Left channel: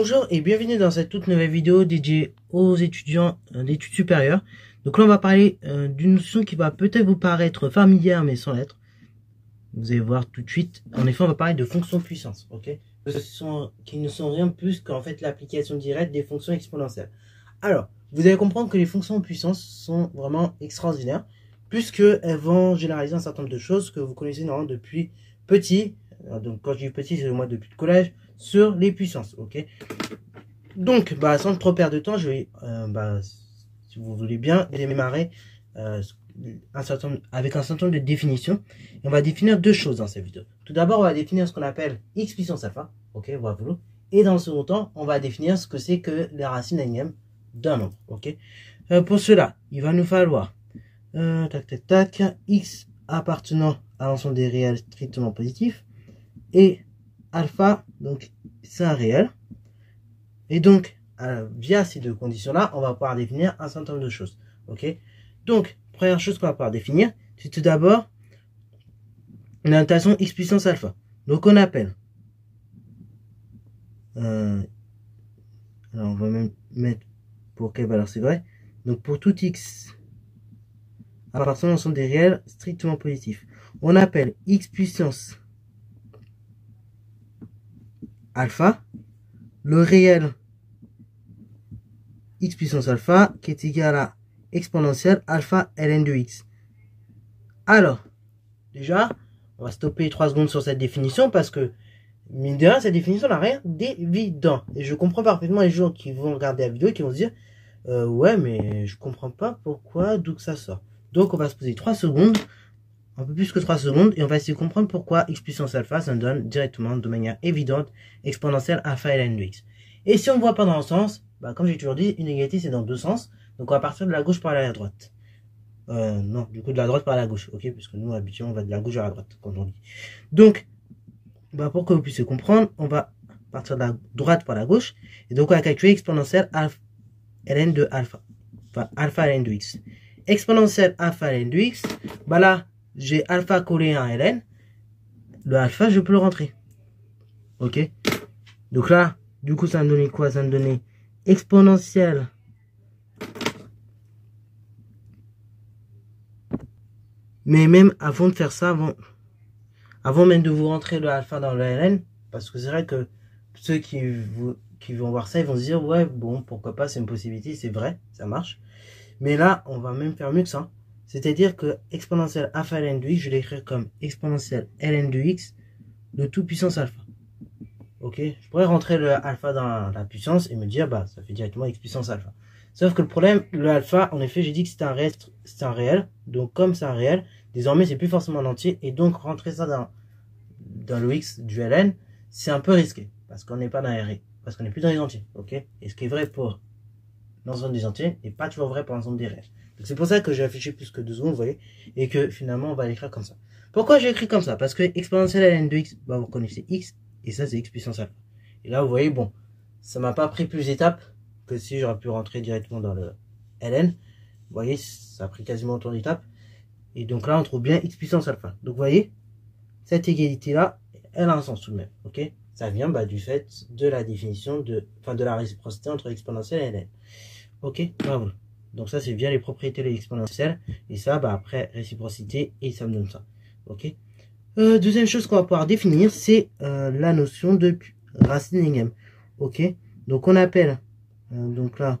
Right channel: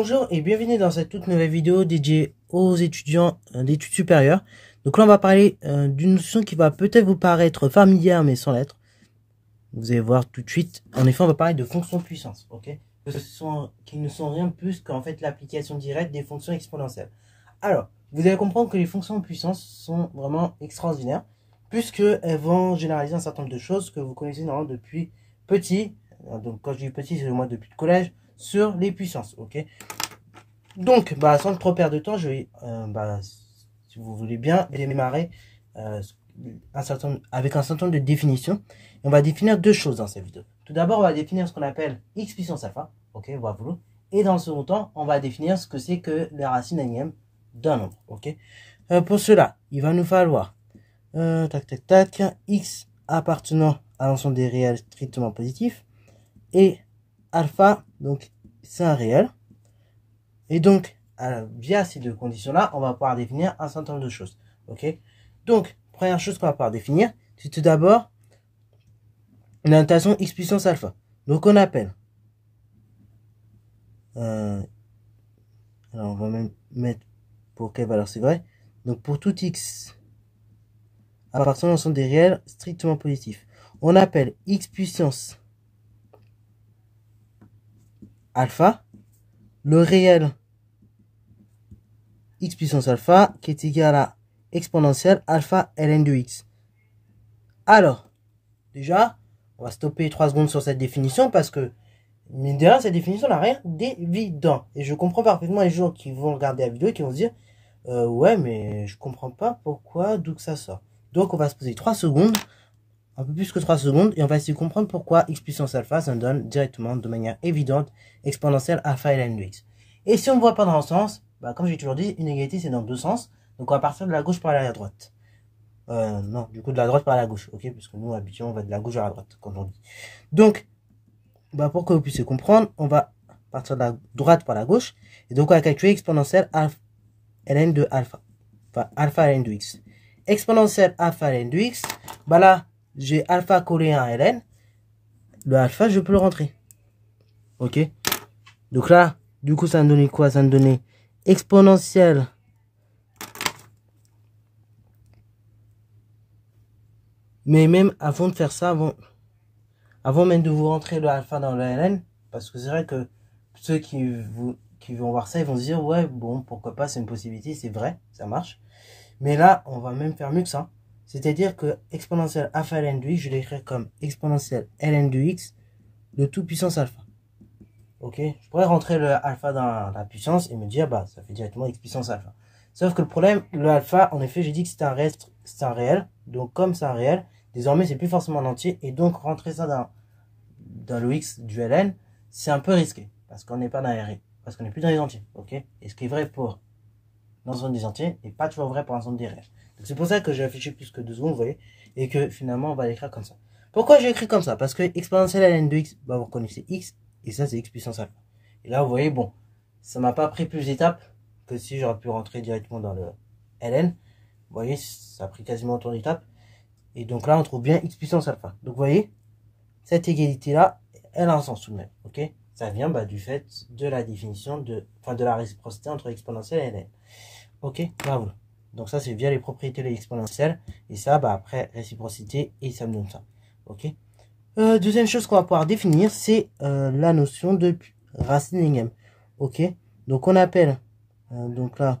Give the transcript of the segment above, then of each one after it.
Bonjour et bienvenue dans cette toute nouvelle vidéo dédiée aux étudiants d'études supérieures. Donc là on va parler d'une notion qui va peut-être vous paraître familière mais sans l'être. Vous allez voir tout de suite. En effet on va parler de fonctions puissance, ok, qui ne sont rien de plus qu'en fait l'application directe des fonctions exponentielles. Alors, vous allez comprendre que les fonctions puissance sont vraiment extraordinaires puisqu'elles vont généraliser un certain nombre de choses que vous connaissez normalement depuis petit. Donc quand je dis petit, c'est moi depuis le collège, sur les puissances, ok. Donc, sans trop perdre de temps, je vais, si vous voulez bien, démarrer avec un certain nombre de définitions. Et on va définir deux choses dans cette vidéo. Tout d'abord, on va définir ce qu'on appelle x puissance alpha, ok, voilà. Et dans le second temps, on va définir ce que c'est que les racines énièmes d'un nombre, ok. Pour cela, il va nous falloir x appartenant à l'ensemble des réels strictement positifs et alpha, donc c'est un réel. Et donc, via ces deux conditions-là, on va pouvoir définir un certain nombre de choses. Ok. Donc, première chose qu'on va pouvoir définir, c'est tout d'abord une notation x puissance alpha. Donc, on appelle. Alors, on va même mettre pour quelle valeur c'est vrai. Donc, pour tout x appartenant à l'ensemble des réels strictement positifs, on appelle x puissance alpha le réel x puissance alpha qui est égal à exponentielle alpha ln de x. Alors, déjà, on va stopper 3 secondes sur cette définition parce que, mine de rien, cette définition n'a rien d'évident. Et je comprends parfaitement les gens qui vont regarder la vidéo et qui vont se dire ouais, mais je comprends pas pourquoi, d'où que ça sort. Donc, on va se poser 3 secondes, un peu plus que 3 secondes, et on va essayer de comprendre pourquoi x puissance alpha, ça nous donne directement, de manière évidente, exponentielle alpha ln de x. Et si on ne voit pas dans le sens, comme j'ai toujours dit, une égalité c'est dans deux sens. Donc on va partir de la gauche par la droite. Non, du coup de la droite par la gauche, ok, puisque nous habituellement on va de la gauche à la droite, quand on dit. Donc, pour que vous puissiez comprendre, on va partir de la droite par la gauche. Et donc on va calculer exponentielle ln de alpha. Enfin, alpha ln de x. Exponentielle alpha ln de x, là, j'ai alpha collé à un ln. Le alpha, je peux le rentrer. Ok. Donc là, du coup, ça me donnait quoi? Ça me donnait exponentielle mais même avant de faire ça, avant même de vous rentrer le alpha dans le ln, parce que c'est vrai que ceux qui vont voir ça, ils vont se dire ouais, bon, pourquoi pas, c'est une possibilité, c'est vrai, ça marche. Mais là, on va même faire mieux que ça. C'est-à-dire que exponentielle alpha ln de x, je vais l'écrire comme exponentielle ln de x de toute puissance alpha. Ok, je pourrais rentrer le alpha dans la puissance et me dire ça fait directement x puissance alpha. Sauf que le problème, le alpha, en effet, j'ai dit que c'est un réel. Donc comme c'est un réel, désormais c'est plus forcément un entier. Et donc rentrer ça dans le x du ln, c'est un peu risqué. Parce qu'on n'est pas dans les parce qu'on n'est plus dans les entiers. Ok. Et ce qui est vrai pour l'ensemble des entiers n'est pas toujours vrai pour l'ensemble des réels. Donc c'est pour ça que j'ai affiché plus que 2 secondes, vous voyez. Et que finalement on va l'écrire comme ça. Pourquoi j'ai écrit comme ça? Parce que exponentielle ln de x, vous reconnaissez x. Et ça, c'est x puissance alpha. Et là, vous voyez, bon, ça m'a pas pris plus d'étapes que si j'aurais pu rentrer directement dans le ln. Vous voyez, ça a pris quasiment autant d'étapes. Et donc là, on trouve bien x puissance alpha. Donc, vous voyez, cette égalité-là, elle a un sens tout de même. Ok, ça vient du fait de la définition de la réciprocité entre exponentielle et ln. Ok, bravo. Donc ça, c'est via les propriétés de l'exponentielle. Et ça, après, réciprocité, et ça me donne ça. Ok. Deuxième chose qu'on va pouvoir définir, c'est la notion de racine énième. Ok, donc on appelle, donc là,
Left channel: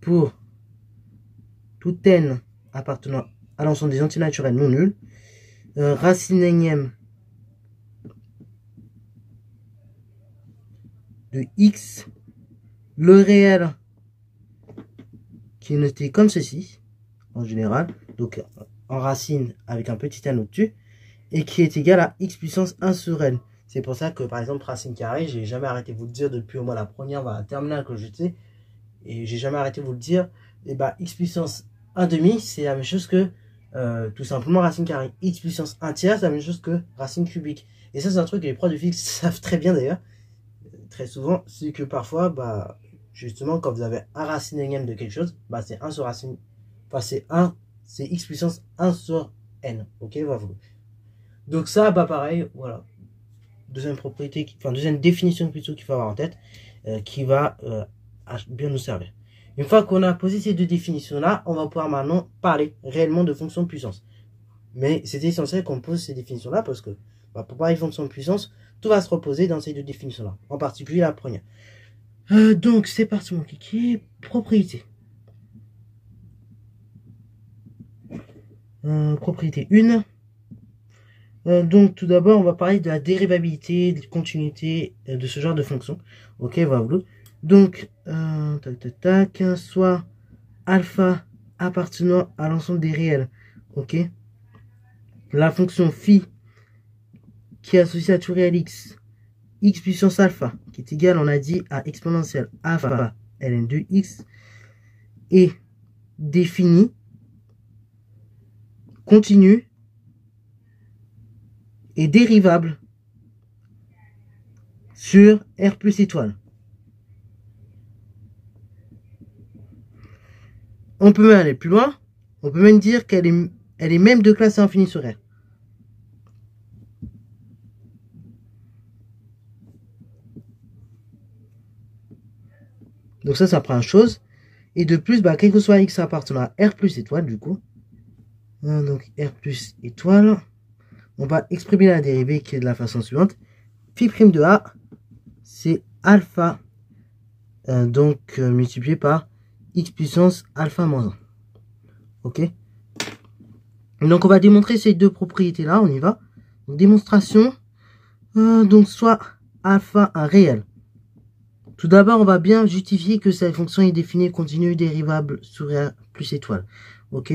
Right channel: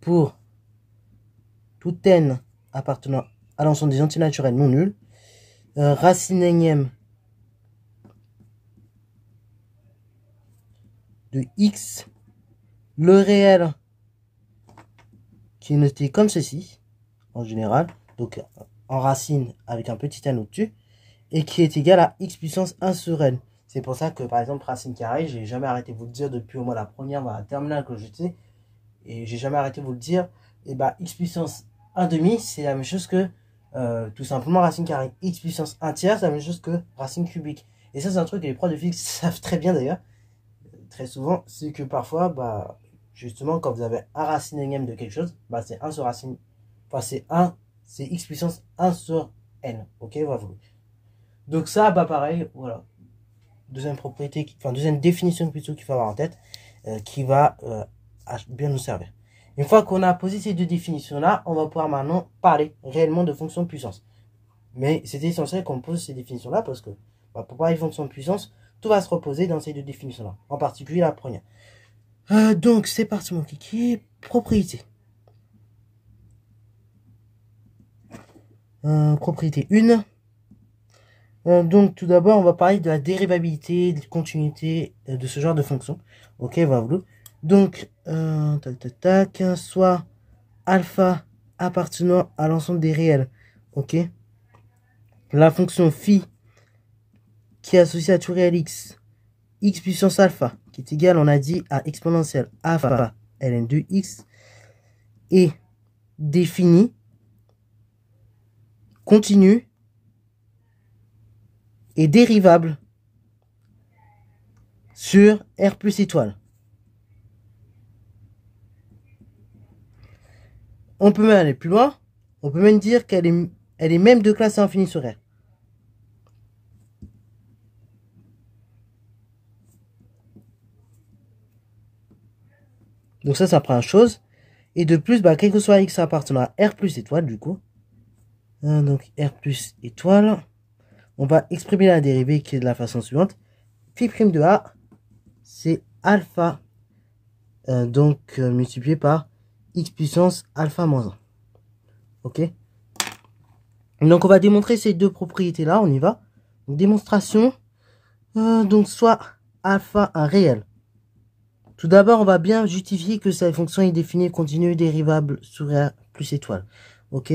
pour tout n appartenant à l'ensemble des entiers naturels non nuls, racine énième de x, le réel qui est noté comme ceci, en général, donc en racine avec un petit n au-dessus, et qui est égal à x puissance 1 sur n. C'est pour ça que, par exemple, racine carrée, j'ai jamais arrêté de vous le dire depuis au moins la première, la terminale que j'étais, et j'ai jamais arrêté de vous le dire, et x puissance 1 demi, c'est la même chose que, tout simplement, racine carrée. X puissance 1 tiers, c'est la même chose que racine cubique. Et ça, c'est un truc que les profs de physique savent très bien d'ailleurs, très souvent, c'est que parfois, justement, quand vous avez un racine énième de quelque chose, c'est 1 sur racine, c'est x puissance 1 sur n, ok, voilà. Donc ça, pareil, voilà. deuxième propriété, enfin deuxième définition plutôt qu'il faut avoir en tête, qui va bien nous servir. Une fois qu'on a posé ces deux définitions-là, on va pouvoir maintenant parler réellement de fonction de puissance. Mais c'est essentiel qu'on pose ces définitions-là parce que pour parler de fonction de puissance, tout va se reposer dans ces deux définitions-là, en particulier la première. Donc c'est parti mon kiki, propriété. Propriété 1. Donc tout d'abord on va parler de la dérivabilité, de la continuité de ce genre de fonction. Ok, voilà. Donc soit alpha appartenant à l'ensemble des réels. Ok. La fonction phi qui est associée à tout réel x puissance alpha qui est égal, on a dit, à exponentielle alpha ln de x est définie, continue et dérivable sur R plus étoile. On peut même aller plus loin, on peut même dire qu'elle est même de classe infinie sur R. Donc ça prend une chose. Et de plus, quel que soit x appartenant à R plus étoile, du coup. Donc R plus étoile. On va exprimer la dérivée qui est de la façon suivante. Phi prime de A, c'est alpha. Multiplié par x puissance alpha moins 1. Ok. Donc on va démontrer ces deux propriétés-là. On y va. Donc, démonstration. Donc soit alpha un réel. Tout d'abord, on va bien justifier que cette fonction est définie continue dérivable sur R plus étoile. Ok.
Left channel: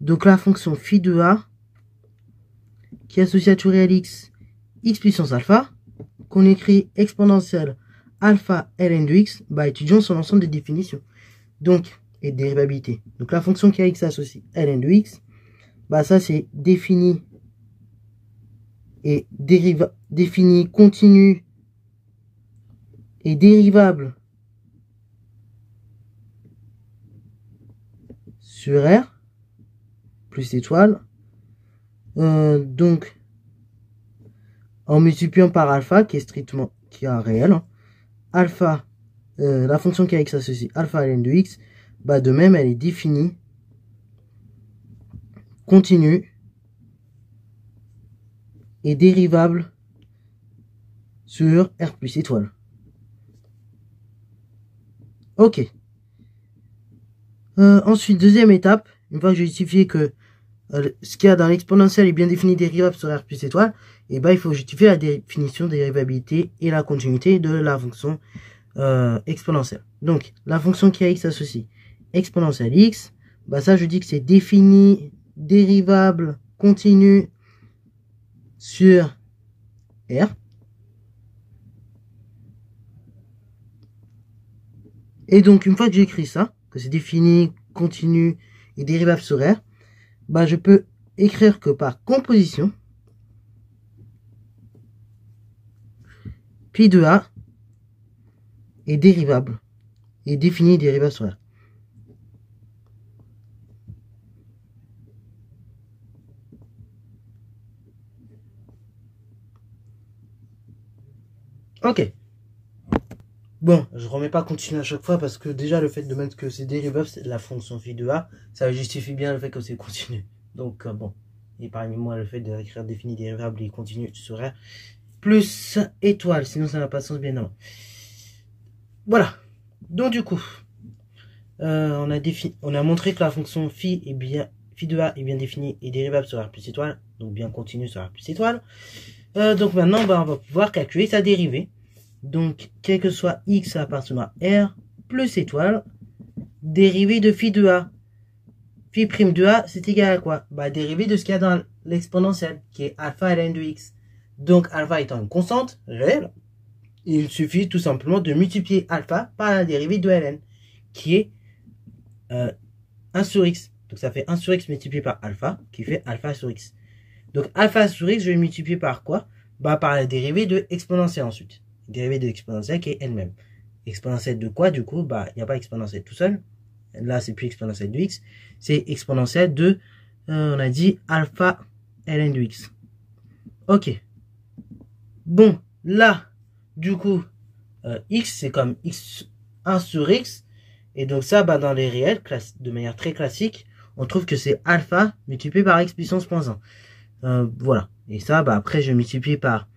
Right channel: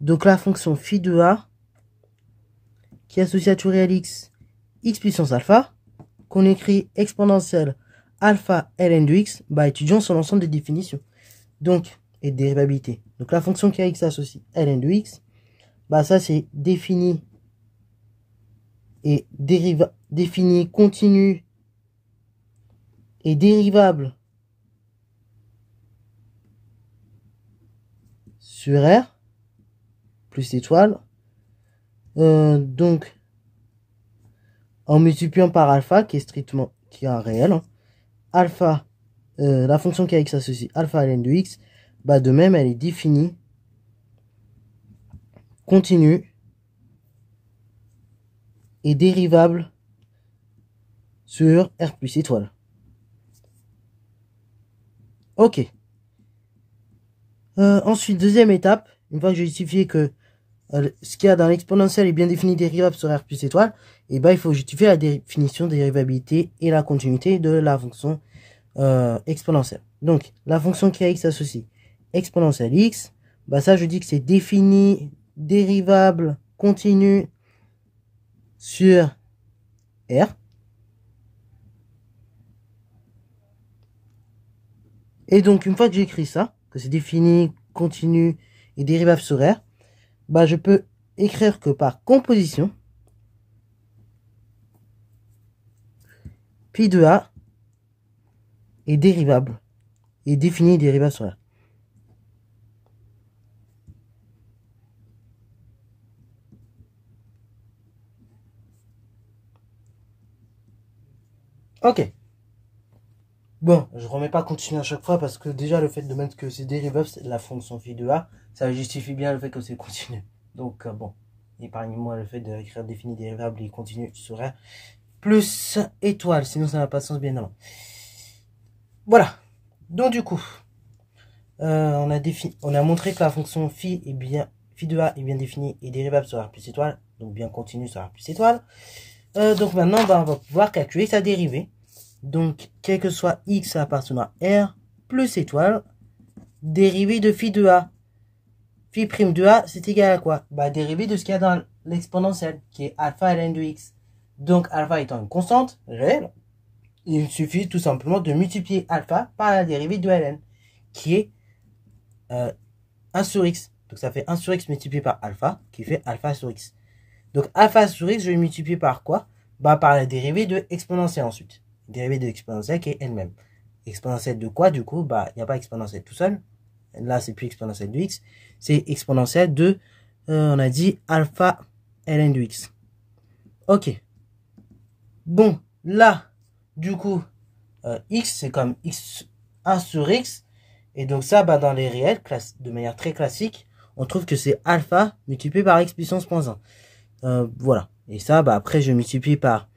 Donc la fonction phi de A qui est associée à tout réel x puissance alpha, qu'on écrit exponentielle alpha ln de x, étudions son ensemble de définitions. Donc, et de dérivabilité. Donc la fonction qui a x associée ln de x, ça c'est défini et défini continu et dérivable sur R plus étoile. Donc en multipliant par alpha qui est un réel, hein. Alpha, la fonction qui a x associée alpha ln de x, de même elle est définie, continue et dérivable sur R plus étoile. Ok. Ensuite, deuxième étape, une fois que j'ai justifié que ce qu'il y a dans l'exponentielle est bien défini dérivable sur R plus étoile, et il faut justifier la définition de dérivabilité et la continuité de la fonction exponentielle. Donc, la fonction qui a x associée exponentielle x, ça je dis que c'est défini, dérivable, continu sur R. Et donc, une fois que j'ai écrit ça, que c'est défini, continu et dérivable sur R, je peux écrire que par composition, phi de A est dérivable, est défini et dérivable sur R. Ok. Bon, je remets pas continu à chaque fois parce que déjà le fait de mettre que c'est dérivable, c'est la fonction phi de A, ça justifie bien le fait que c'est continu. Donc bon, épargnez-moi le fait d'écrire défini, dérivable et continu sur R plus étoile, sinon ça n'a pas de sens bien avant. Voilà. Donc du coup, on a montré que la fonction phi de A est bien définie et dérivable sur R plus étoile, donc bien continue sur R plus étoile. Donc maintenant, on va pouvoir calculer sa dérivée. Donc, quel que soit x appartenant à R plus étoile, dérivée de phi de A. Phi prime de A, c'est égal à quoi? Dérivée de ce qu'il y a dans l'exponentielle, qui est alpha ln de x. Donc, alpha étant une constante réelle, il suffit tout simplement de multiplier alpha par la dérivée de ln, qui est 1 sur x. Donc, ça fait 1 sur x multiplié par alpha, qui fait alpha sur x. Donc, alpha sur x, je vais multiplier par quoi? Par la dérivée de exponentielle ensuite. Dérivée de exponentielle qui est elle-même. Exponentielle de quoi, du coup? Il n'y a pas exponentielle tout seul. Là, c'est plus exponentielle de x. C'est exponentielle de, on a dit, alpha ln de x. Ok. Bon, là, du coup, x, c'est comme x1 sur x. Et donc ça, bah, dans les réels, de manière très classique, on trouve que c'est alpha multiplié par x puissance moins 1. Voilà. Et ça, bah, après, je multiplie par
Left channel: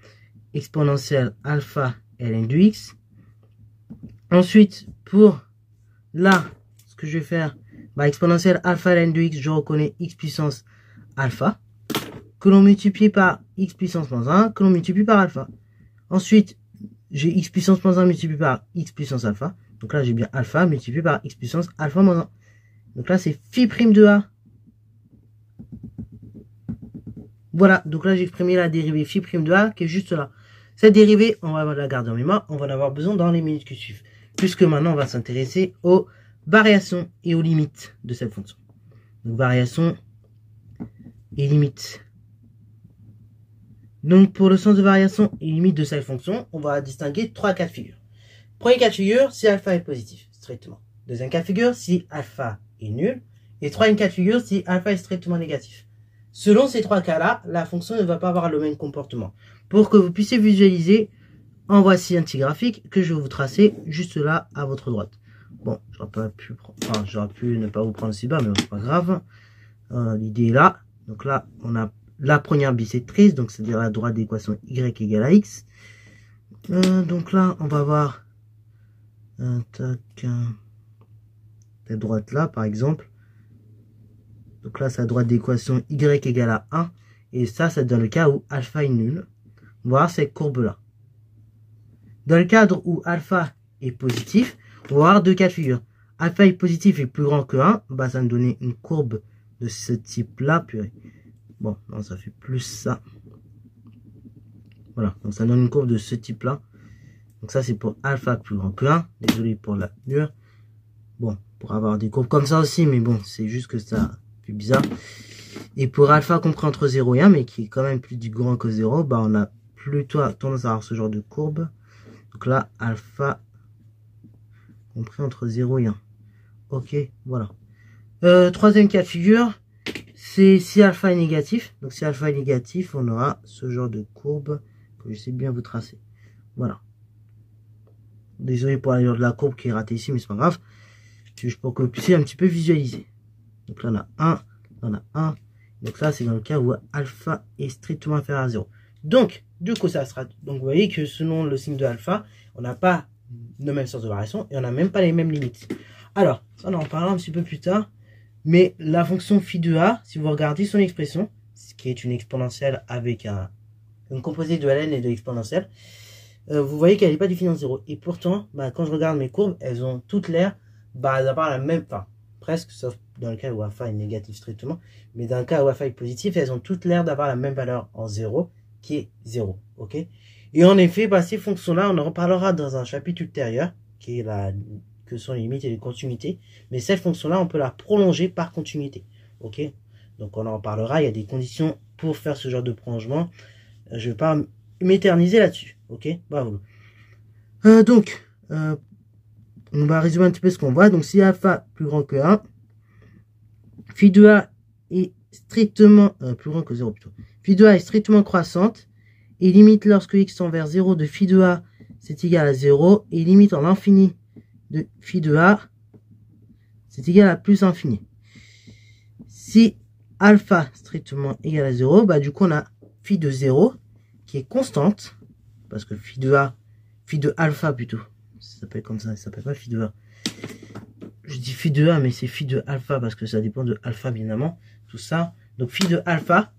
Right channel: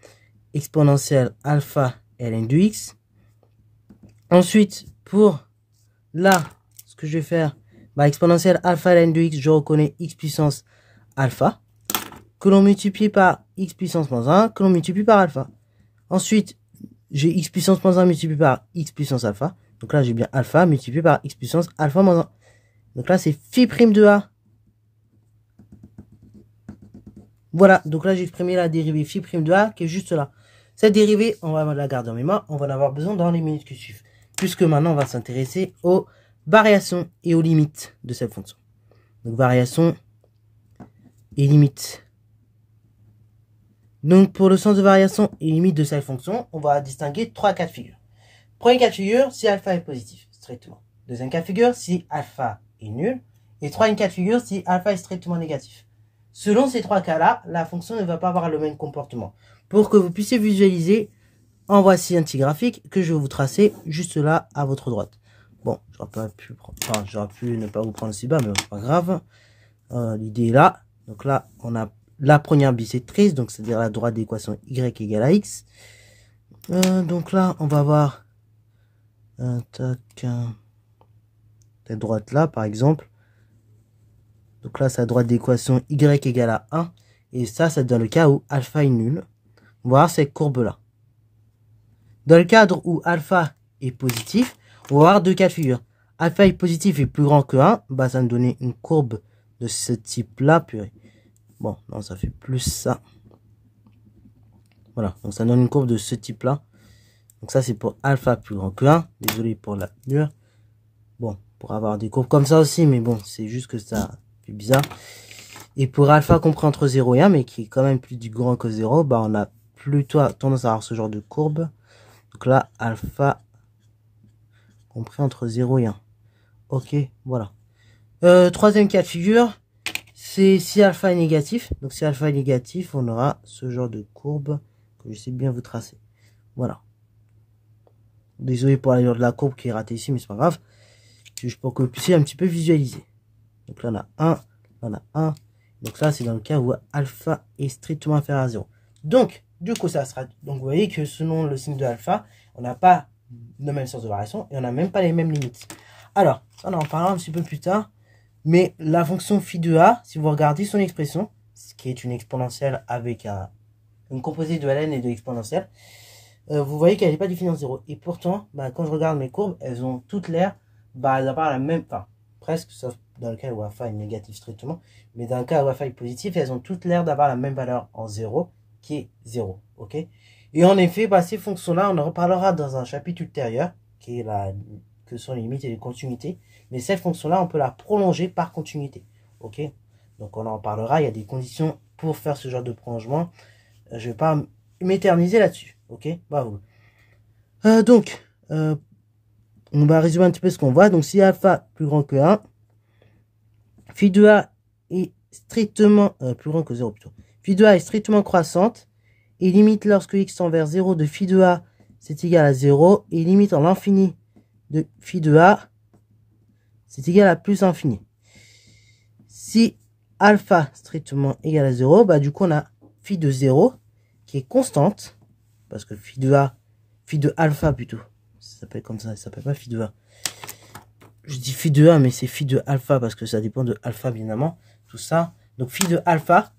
exponentielle alpha ln de x. Ensuite, pour là, ce que je vais faire, bah, exponentielle alpha ln de x, je reconnais x puissance alpha, que l'on multiplie par x puissance moins 1, que l'on multiplie par alpha. Ensuite, j'ai x puissance moins 1 multiplié par x puissance alpha. Donc là, j'ai bien alpha multiplié par x puissance alpha moins 1. Donc là, c'est phi prime de a. Voilà, donc là, j'ai exprimé la dérivée phi prime de a qui est juste là. Cette dérivée, on va la garder en mémoire. On va en avoir besoin dans les minutes qui suivent. Puisque maintenant, on va s'intéresser aux variations et aux limites de cette fonction. Donc, variations et limites. Donc, pour le sens de variation et limite de cette fonction, on va distinguer 3 cas de figure. Premier cas de figure, si alpha est positif, strictement. Deuxième cas de figure, si alpha est nul. Et troisième cas de figure, si alpha est strictement négatif. Selon ces 3 cas-là, la fonction ne va pas avoir le même comportement. Pour que vous puissiez visualiser, en voici un petit graphique que je vais vous tracer juste là à votre droite. Bon, j'aurais pu ne pas vous prendre si bas, mais c'est pas grave. L'idée est là. Donc là, on a la première bisectrice, donc c'est-à-dire la droite d'équation y égale à x. Donc là, on va voir cette droite là, par exemple. Donc là, c'est la droite d'équation y égale à 1. Et ça, c'est dans le cas où alpha est nul. On va voir cette courbe-là. Dans le cadre où alpha est positif, on va avoir 2 cas de figure. Alpha est positif et plus grand que 1, bah, ça va me donner une courbe de ce type-là. Bon, non, ça fait plus ça. Voilà, donc ça donne une courbe de ce type-là. Donc ça, c'est pour alpha plus grand que 1. Désolé pour la mur. Bon, pour avoir des courbes comme ça aussi, mais bon, c'est juste que ça fait bizarre. Et pour alpha compris entre 0 et 1, mais qui est quand même plus du grand que 0, bah on a plutôt tendance à avoir ce genre de courbe. Donc là, alpha compris entre 0 et 1. Ok, voilà. Troisième cas de figure, c'est si alpha est négatif. Donc si alpha est négatif, on aura ce genre de courbe que je sais bien vous tracer. Voilà. Désolé pour l'allure de la courbe qui est ratée ici, mais c'est pas grave. C'est juste pour que vous puissiez un petit peu visualiser. Donc là, on a 1, là, on a 1. Donc là, c'est dans le cas où alpha est strictement inférieur à 0. Donc, du coup, ça sera... Donc, vous voyez que selon le signe de alpha, on n'a pas le même sens de variation et on n'a même pas les mêmes limites. Alors, ça, on en parlera un petit peu plus tard. Mais la fonction phi de a, si vous regardez son expression, ce qui est une exponentielle avec une composée de ln et de l'exponentielle, vous voyez qu'elle n'est pas définie en 0. Et pourtant, bah, quand je regarde mes courbes, elles ont toutes l'air d'avoir la même... Enfin, presque, sauf dans le cas où alpha est négatif strictement. Mais dans le cas où alpha est positif, elles ont toutes l'air d'avoir la même valeur en 0, qui est 0. Ok. Et en effet, bah, ces fonctions-là, on en reparlera dans un chapitre ultérieur, qui est que sont les limites et les continuités. Mais cette fonction-là, on peut la prolonger par continuité. Ok. Donc on en parlera, il y a des conditions pour faire ce genre de prolongement. Je ne vais pas m'éterniser là-dessus. Ok. Bah, voilà. On va résumer un petit peu ce qu'on voit. Donc si alpha plus grand que 1, phi de a est strictement plus grand que 0 plutôt. Phi de a est strictement croissante et limite lorsque x tend vers 0 de phi de a c'est égal à 0 et limite en l'infini de phi de a c'est égal à plus infini. Si alpha strictement égal à 0, bah du coup on a phi de 0 qui est constante parce que phi de alpha plutôt. Ça s'appelle comme ça s'appelle pas phi de a. Je dis phi de a, mais c'est phi de alpha parce que ça dépend de alpha, bien évidemment. Tout ça. Donc phi de alpha,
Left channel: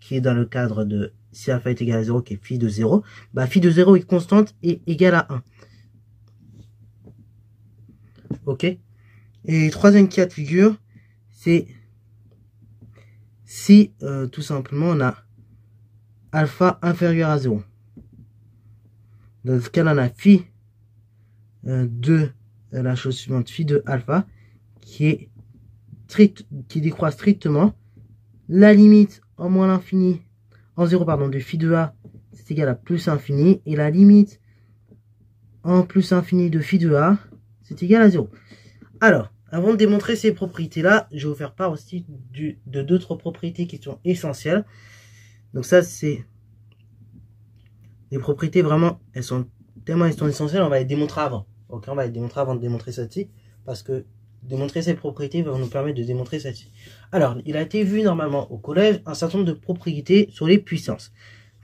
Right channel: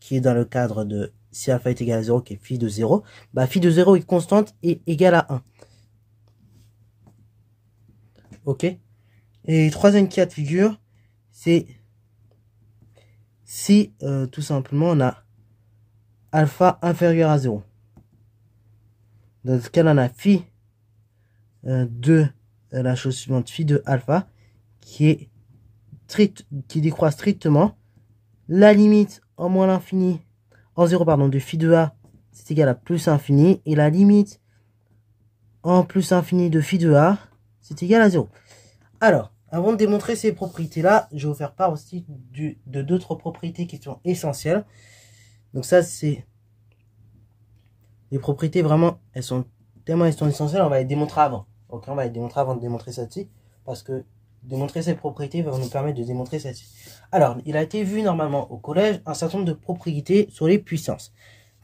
qui est dans le cadre de si alpha est égal à 0, qui est phi de 0. Bah, phi de 0 est constante et égale à 1. Ok. Et troisième cas de figure, c'est si tout simplement on a alpha inférieur à 0. Dans ce cas, on a phi de la chose suivante, phi de alpha, qui décroît strictement. La limite en moins l'infini, en 0, pardon, de phi de a, c'est égal à plus infini. Et la limite en plus infini de phi de a, c'est égal à 0. Alors, avant de démontrer ces propriétés-là, je vais vous faire part aussi de d'autres propriétés qui sont essentielles. Donc ça, c'est les propriétés vraiment, elles sont essentielles, on va les démontrer avant. Ok, on va les démontrer avant de démontrer celle-ci, parce que démontrer ces propriétés va nous permettre de démontrer celle-ci. Alors, il a été vu normalement au collège un certain nombre de propriétés sur les puissances.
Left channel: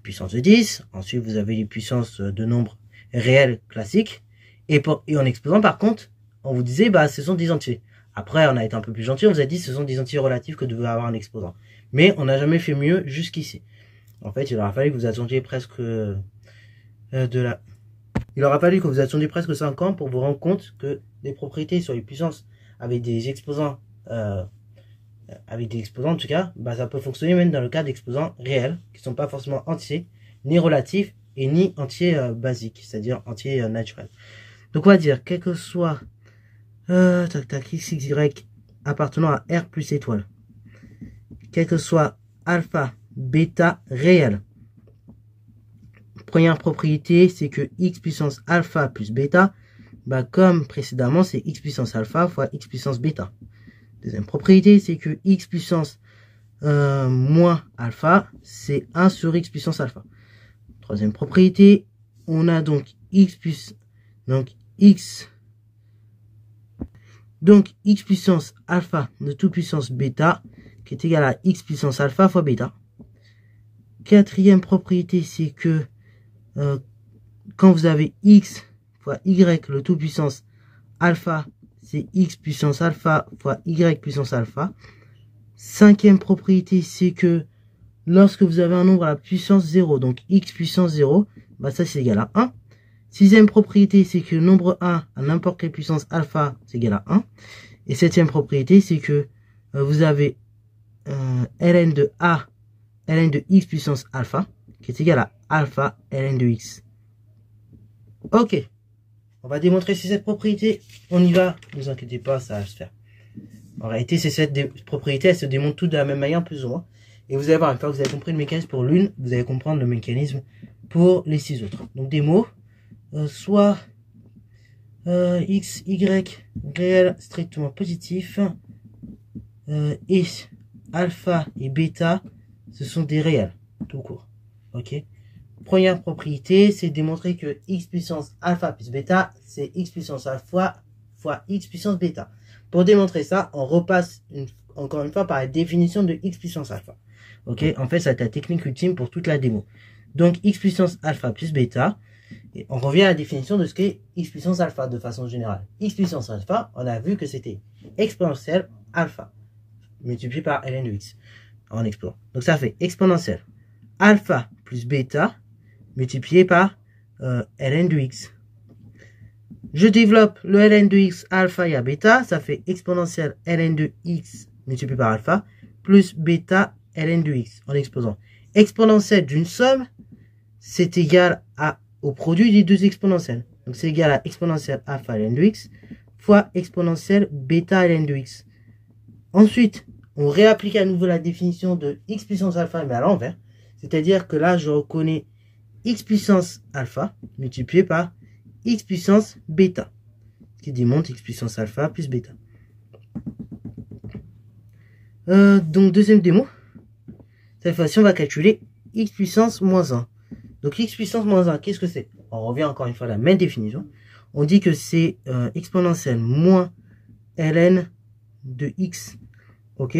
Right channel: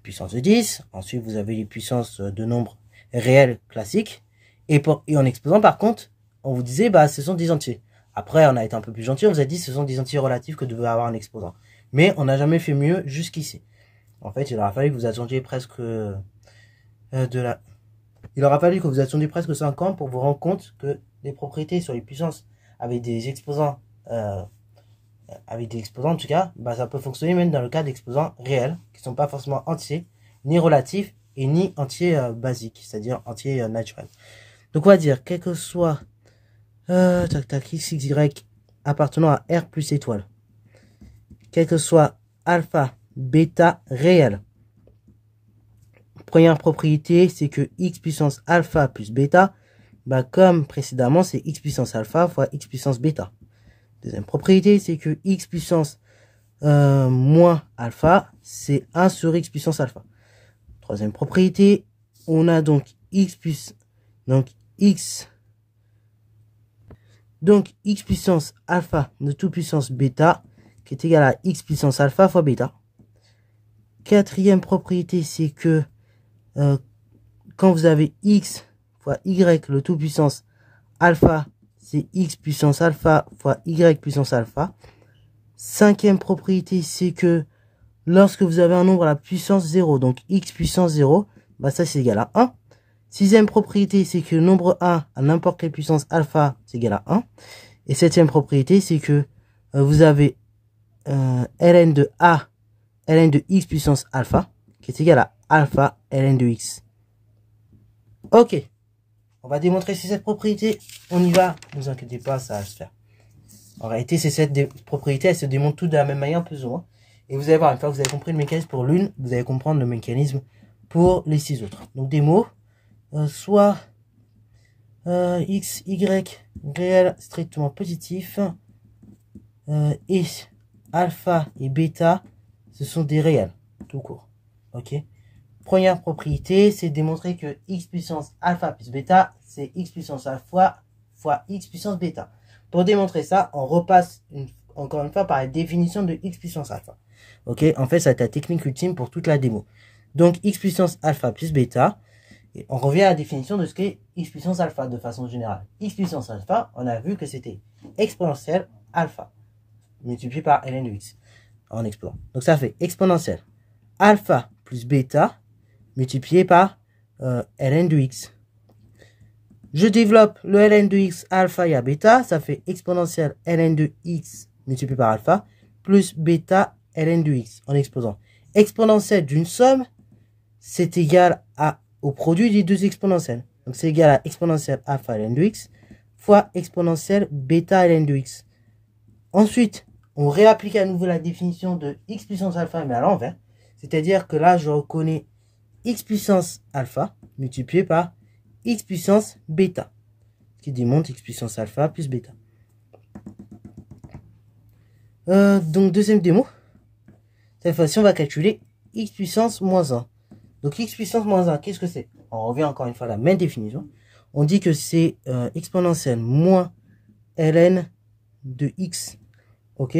Puissance de 10, ensuite vous avez les puissances de nombres réels classiques, et en exposant par contre, on vous disait, bah, ce sont des entiers. Après, on a été un peu plus gentil, on vous a dit, ce sont des entiers relatifs que devait avoir un exposant. Mais on n'a jamais fait mieux jusqu'ici. En fait, il aura fallu que vous attendiez presque Il aura fallu que vous attendiez presque 5 ans pour vous rendre compte que les propriétés sur les puissances avec des exposants, en tout cas, bah, ça peut fonctionner même dans le cas d'exposants réels, qui ne sont pas forcément entiers, ni relatifs, et ni entiers basiques, c'est-à-dire entiers naturels. Donc on va dire, quel que soit x, y appartenant à R plus étoile, quel que soit alpha, bêta réel. Première propriété, c'est que x puissance alpha plus bêta, bah, comme précédemment, c'est x puissance alpha fois x puissance bêta. Deuxième propriété, c'est que x puissance moins alpha, c'est 1 sur x puissance alpha. Troisième propriété, on a donc x puissance alpha de toute puissance bêta, qui est égal à x puissance alpha fois bêta. Quatrième propriété, c'est que quand vous avez x fois y le tout puissance alpha, c'est x puissance alpha fois y puissance alpha. Cinquième propriété, c'est que lorsque vous avez un nombre à la puissance 0, donc x puissance 0, bah ça c'est égal à 1. Sixième propriété, c'est que le nombre 1 à n'importe quelle puissance alpha, c'est égal à 1. Et septième propriété, c'est que vous avez ln de a, ln de x puissance alpha, qui est égal à alpha ln de x. Ok, on va démontrer ces 7 propriétés. On y va, ne vous inquiétez pas, ça va se faire. En réalité, ces 7 propriétés, elles se démontrent toutes de la même manière, plus ou moins. Et vous allez voir, une fois que vous avez compris le mécanisme pour l'une, vous allez comprendre le mécanisme pour les 6 autres. Donc des mots, soit x, y, réel strictement positif, et alpha et bêta, ce sont des réels, tout court. Ok. Première propriété, c'est démontrer que x puissance alpha plus bêta, c'est x puissance alpha fois x puissance bêta. Pour démontrer ça, on repasse encore une fois par la définition de x puissance alpha. Ok, en fait, c'est la technique ultime pour toute la démo. Donc, x puissance alpha plus bêta, et on revient à la définition de ce qu'est x puissance alpha de façon générale. X puissance alpha, on a vu que c'était exponentielle alpha multiplié par ln de x en exposant. Donc, ça fait exponentielle alpha plus bêta multiplié par ln de x. Je développe le ln de x alpha et à bêta, ça fait exponentielle ln de x multiplié par alpha plus bêta ln de x en exposant. Exponentielle d'une somme, c'est égal au produit des deux exponentielles. Donc c'est égal à exponentielle alpha ln de x fois exponentielle bêta ln de x. Ensuite, on réapplique à nouveau la définition de x puissance alpha mais à l'envers. C'est-à-dire que là, je reconnais x puissance alpha multiplié par x puissance bêta, ce qui démontre x puissance alpha plus bêta. Donc deuxième démo, cette fois-ci on va calculer x puissance moins 1. Donc x puissance moins 1, qu'est-ce que c'est? On revient encore une fois à la même définition. On dit que c'est exponentielle moins ln de x. Ok.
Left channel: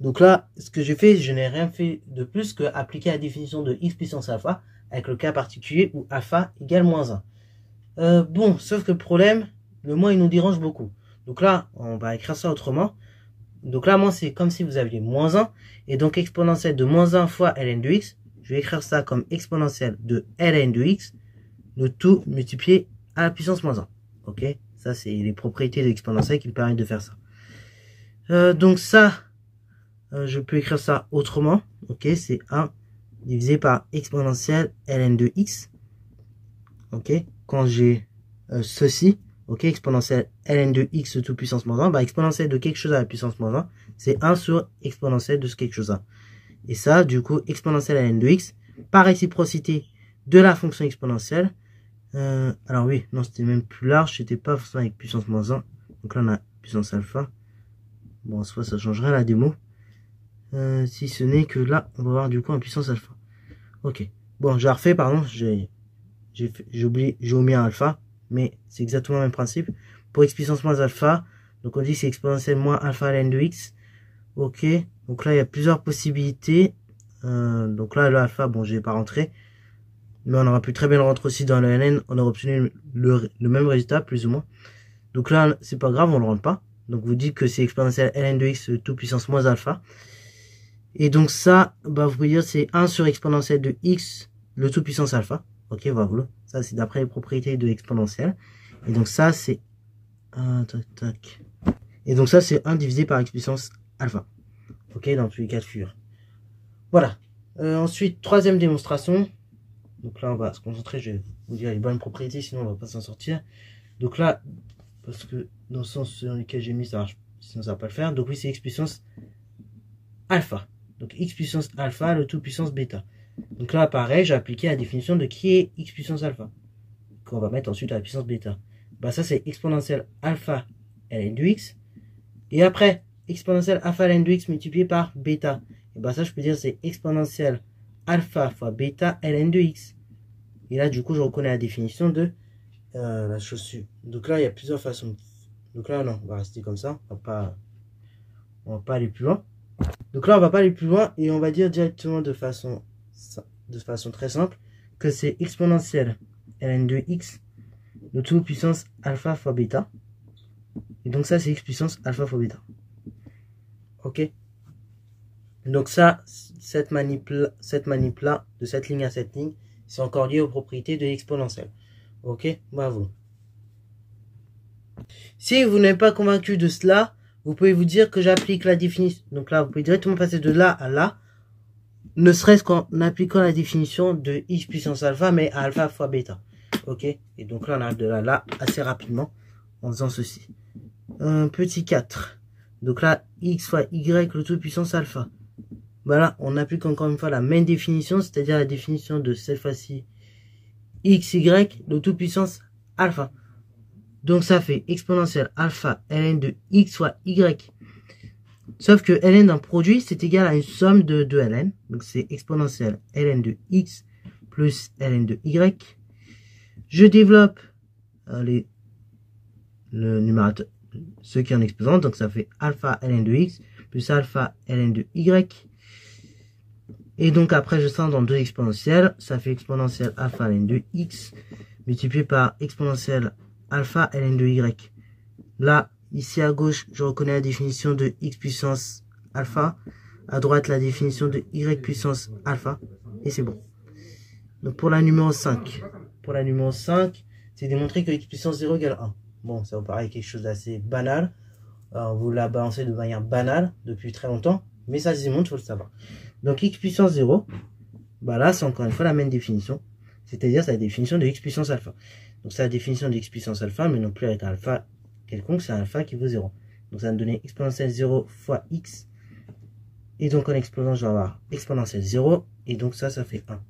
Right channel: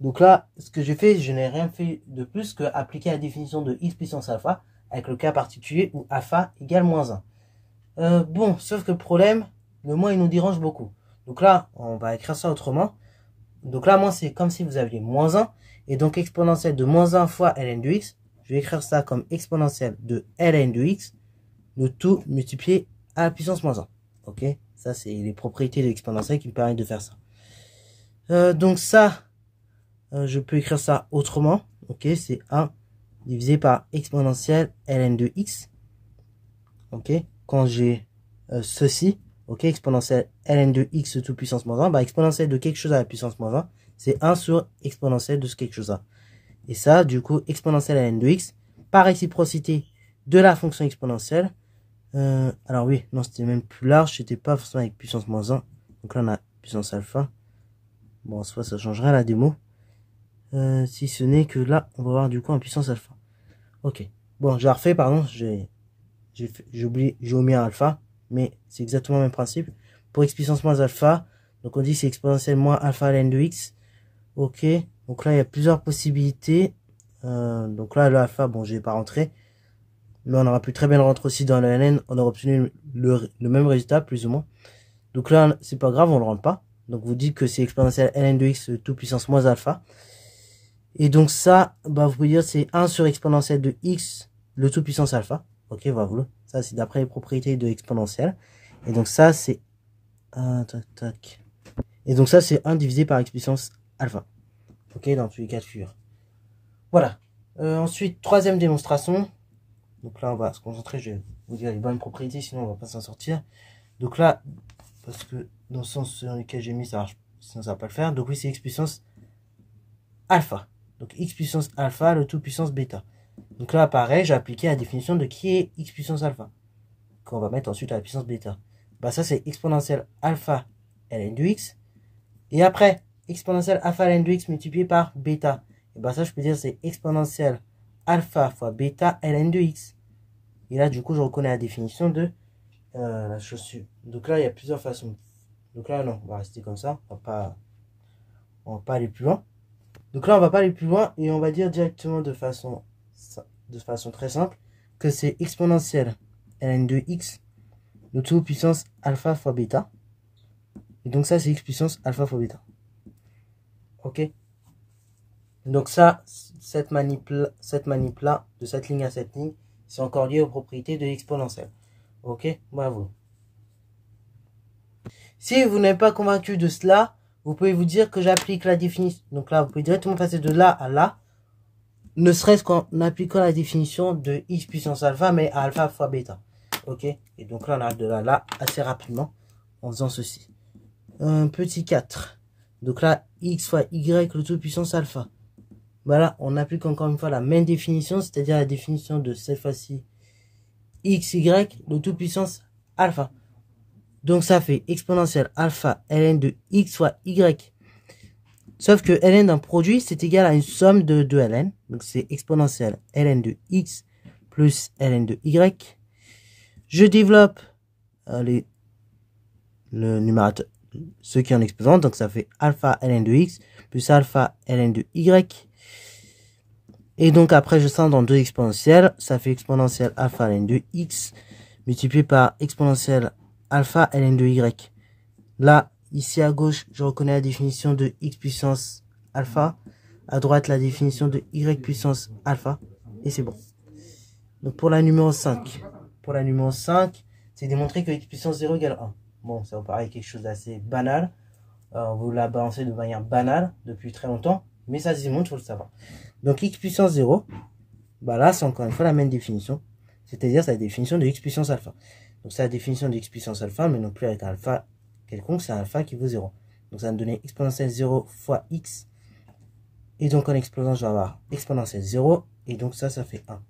Donc là, ce que j'ai fait, je n'ai rien fait de plus que appliquer la définition de x puissance alpha avec le cas particulier où alpha égale moins 1. Bon, sauf que le problème, le moins il nous dérange beaucoup. Donc là, on va écrire ça autrement. Donc là, moi, c'est comme si vous aviez moins 1. Et donc exponentielle de moins 1 fois ln de x. Je vais écrire ça comme exponentielle de ln de x. Le tout multiplié à la puissance moins 1. Ok. Ça, c'est les propriétés de l'exponentielle qui me permettent de faire ça. Donc ça, je peux écrire ça autrement. Ok. C'est 1 divisé par exponentielle ln de x. Ok. Quand j'ai ceci. Ok, exponentielle ln de x tout puissance moins 1, bah exponentielle de quelque chose à la puissance moins 1, c'est 1 sur exponentielle de ce quelque chose là. Et ça, du coup, exponentielle ln de x, par réciprocité de la fonction exponentielle. Alors oui, non, c'était même plus large, c'était pas forcément avec puissance moins 1. Donc là, on a puissance alpha. Bon, en soi, ça changerait la démo. Si ce n'est que là, on va avoir du coup en puissance alpha. Ok. Bon, j'ai refait, pardon, j'ai omis un alpha, mais c'est exactement le même principe. Pour x puissance moins alpha, donc on dit que c'est exponentielle moins alpha ln de x. Ok. Donc là, il y a plusieurs possibilités. Donc là, le alpha, bon, je vais pas rentrer. Mais on aurait pu très bien le rentrer aussi dans le ln. On aurait obtenu le même résultat, plus ou moins. Donc là, c'est pas grave, on le rentre pas. Donc vous dites que c'est exponentielle ln de x tout puissance moins alpha. Et donc ça, bah vous pouvez dire c'est 1 sur exponentielle de x, le tout puissance alpha. Ok, voilà. Ça, c'est d'après les propriétés de exponentielle. Et donc ça, c'est... tac. Et donc ça, c'est 1 divisé par x puissance alpha. Ok, dans tous les cas de figure. Voilà. Ensuite, troisième démonstration. Donc là, on va se concentrer, je vais vous dire les bonnes propriétés, sinon on va pas s'en sortir. Donc là, parce que dans le sens dans lequel j'ai mis, ça marche, sinon ça va pas le faire. Donc oui, c'est x puissance alpha. Donc x puissance alpha, le tout puissance bêta. Donc là, pareil, j'ai appliqué la définition de qui est x puissance alpha, qu'on va mettre ensuite à la puissance bêta. Bah ça, c'est exponentielle alpha ln de x. Et après, exponentielle alpha ln de x multiplié par bêta. Et bah ça, je peux dire c'est exponentielle alpha fois bêta ln de x. Et là, du coup, je reconnais la définition de la chaussure. Donc là, il y a plusieurs façons. Donc là, non, on va rester comme ça. On va pas aller plus loin. Donc là, on va pas aller plus loin et on va dire directement de façon très simple que c'est exponentielle ln de x, le tout puissance alpha fois bêta. Et donc ça, c'est x puissance alpha fois bêta. Ok. Donc ça, cette manip là, de cette ligne à cette ligne, c'est encore lié aux propriétés de l'exponentielle. Ok, bravo. Si vous n'êtes pas convaincu de cela, vous pouvez vous dire que j'applique la définition. Donc là, vous pouvez directement passer de là à là, ne serait-ce qu'en appliquant la définition de x puissance alpha, mais à alpha fois bêta. Ok, et donc là, on arrive de là à là assez rapidement en faisant ceci. Petit 4. Donc là, x fois y, le tout puissance alpha. Voilà, on applique encore une fois la même définition, c'est-à-dire la définition de cette fois-ci xy, le tout puissance alpha. Donc ça fait exponentielle alpha ln de x fois y. Sauf que ln d'un produit, c'est égal à une somme de 2 ln. Donc c'est exponentielle ln de x plus ln de y. Je développe le numérateur, ce qui est en exposant. Donc ça fait alpha ln de x plus alpha ln de y. Et donc après, je sens dans deux exponentielles. Ça fait exponentielle alpha ln de x multiplié par exponentielle alpha ln de y. Là, ici à gauche, je reconnais la définition de x puissance alpha. À droite, la définition de y puissance alpha. Et c'est bon. Donc pour la numéro 5. Pour la numéro 5, c'est démontrer que x puissance 0 égale 1. Bon, ça vous paraît quelque chose d'assez banal. On vous l'a balancé de manière banale depuis très longtemps. Mais ça se démontre, il faut le savoir. Donc x puissance 0, bah là, c'est encore une fois la même définition. C'est-à-dire, c'est la définition de x puissance alpha. Donc c'est la définition de x puissance alpha, mais non plus avec un alpha quelconque, c'est un alpha qui vaut 0. Donc ça va me donner exponentielle 0 fois x. Et donc en exposant, je vais avoir exponentielle 0. Et donc ça fait 1.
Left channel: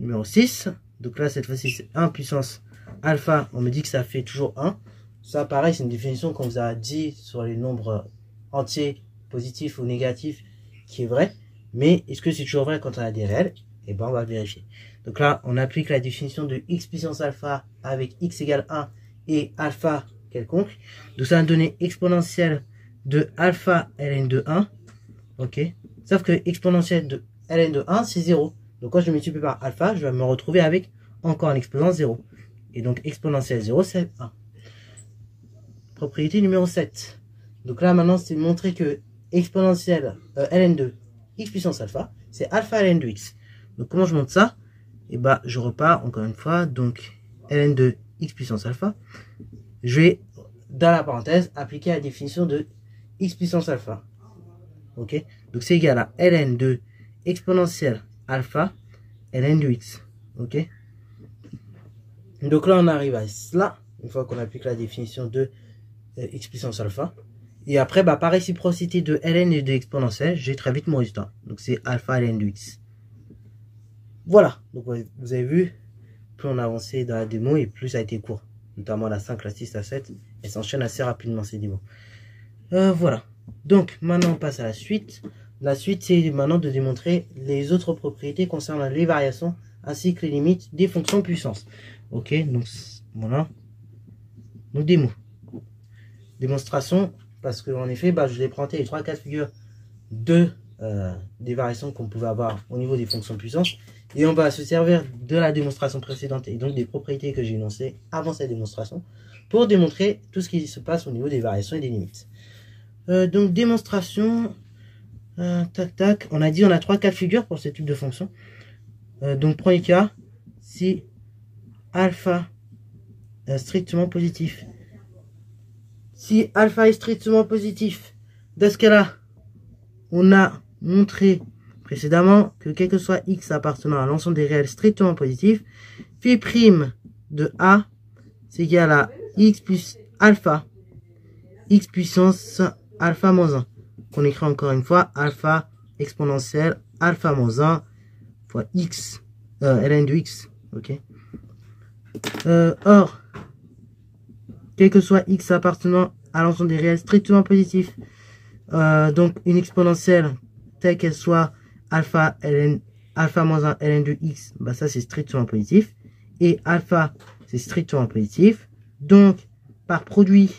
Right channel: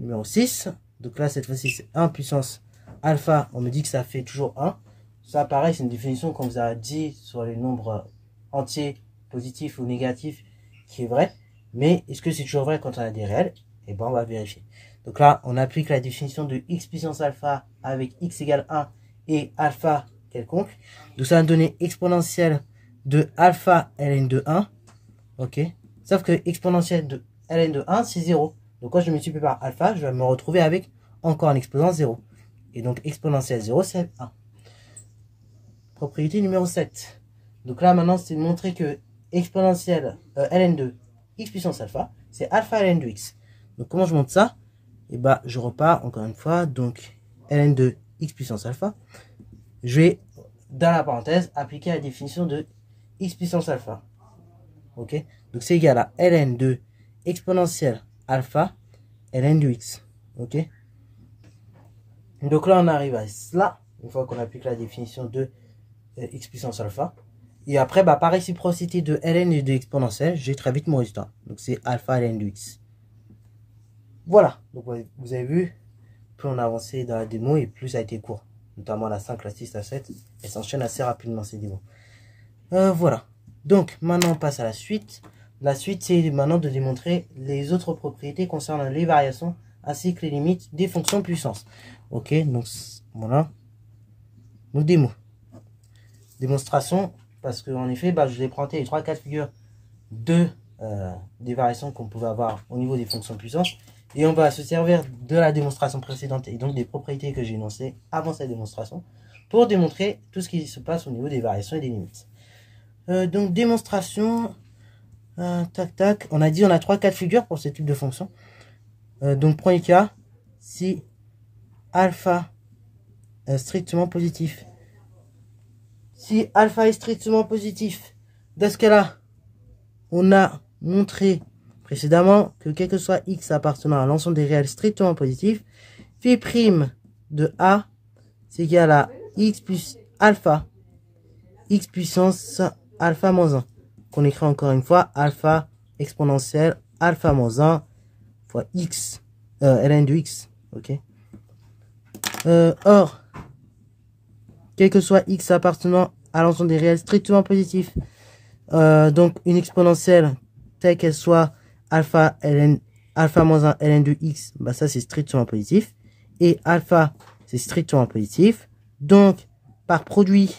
Numéro 6. Donc là, cette fois-ci, c'est 1 puissance alpha. On me dit que ça fait toujours 1. Ça, pareil, c'est une définition qu'on vous a dit sur les nombres entiers, positifs ou négatifs, qui est vrai. Mais est-ce que c'est toujours vrai quand on a des réels? Et ben, on va vérifier. Donc là, on applique la définition de x puissance alpha avec x égale 1 et alpha quelconque. Donc ça va me donner exponentielle de alpha ln de 1. Ok. Sauf que exponentielle de ln de 1, c'est 0. Donc quand je multiplie par alpha, je vais me retrouver avec encore un exposant 0. Et donc exponentielle 0, c'est 1. Propriété numéro 7. Donc là, maintenant, c'est montrer que exponentielle ln de x puissance alpha, c'est alpha ln de x. Donc comment je montre ça? Et bah, je repars encore une fois. Donc ln de x puissance alpha. Je vais, dans la parenthèse, appliquer la définition de x puissance alpha. Ok? Donc c'est égal à ln de exponentielle alpha ln de x. Ok? Donc là, on arrive à cela, une fois qu'on applique la définition de x puissance alpha. Et après, bah, par réciprocité de ln et de exponentielle, j'ai très vite mon résultat. Donc c'est alpha ln de x. Voilà. Donc vous avez vu, plus on a avancé dans la démo et plus ça a été court. Notamment la 5, la 6, la 7. Elle s'enchaîne assez rapidement ces démos. Voilà. Donc maintenant on passe à la suite. La suite, c'est maintenant de démontrer les autres propriétés concernant les variations ainsi que les limites des fonctions puissance. Ok, donc voilà. Donc démo. Démonstration, parce qu'en effet, je vous ai présenté les 3 cas de figure des variations qu'on pouvait avoir au niveau des fonctions puissance. Et on va se servir de la démonstration précédente et donc des propriétés que j'ai énoncées avant cette démonstration pour démontrer tout ce qui se passe au niveau des variations et des limites. Donc démonstration, tac tac, on a dit on a 3 cas de figure pour ce type de fonction. Donc premier cas, si alpha strictement positif. Si alpha est strictement positif, dans ce cas-là, on a montré précédemment que quel que soit x appartenant à l'ensemble des réels strictement positifs, phi prime de a, c'est égal à x plus alpha, x puissance alpha moins 1, qu'on écrit encore une fois, alpha exponentielle alpha moins 1 fois x, ln de x, ok. Or, quel que soit x appartenant à l'ensemble des réels strictement positifs, donc une exponentielle telle qu'elle soit alpha ln alpha moins 1 ln de x, ça c'est strictement positif, et alpha c'est strictement positif. Donc par produit,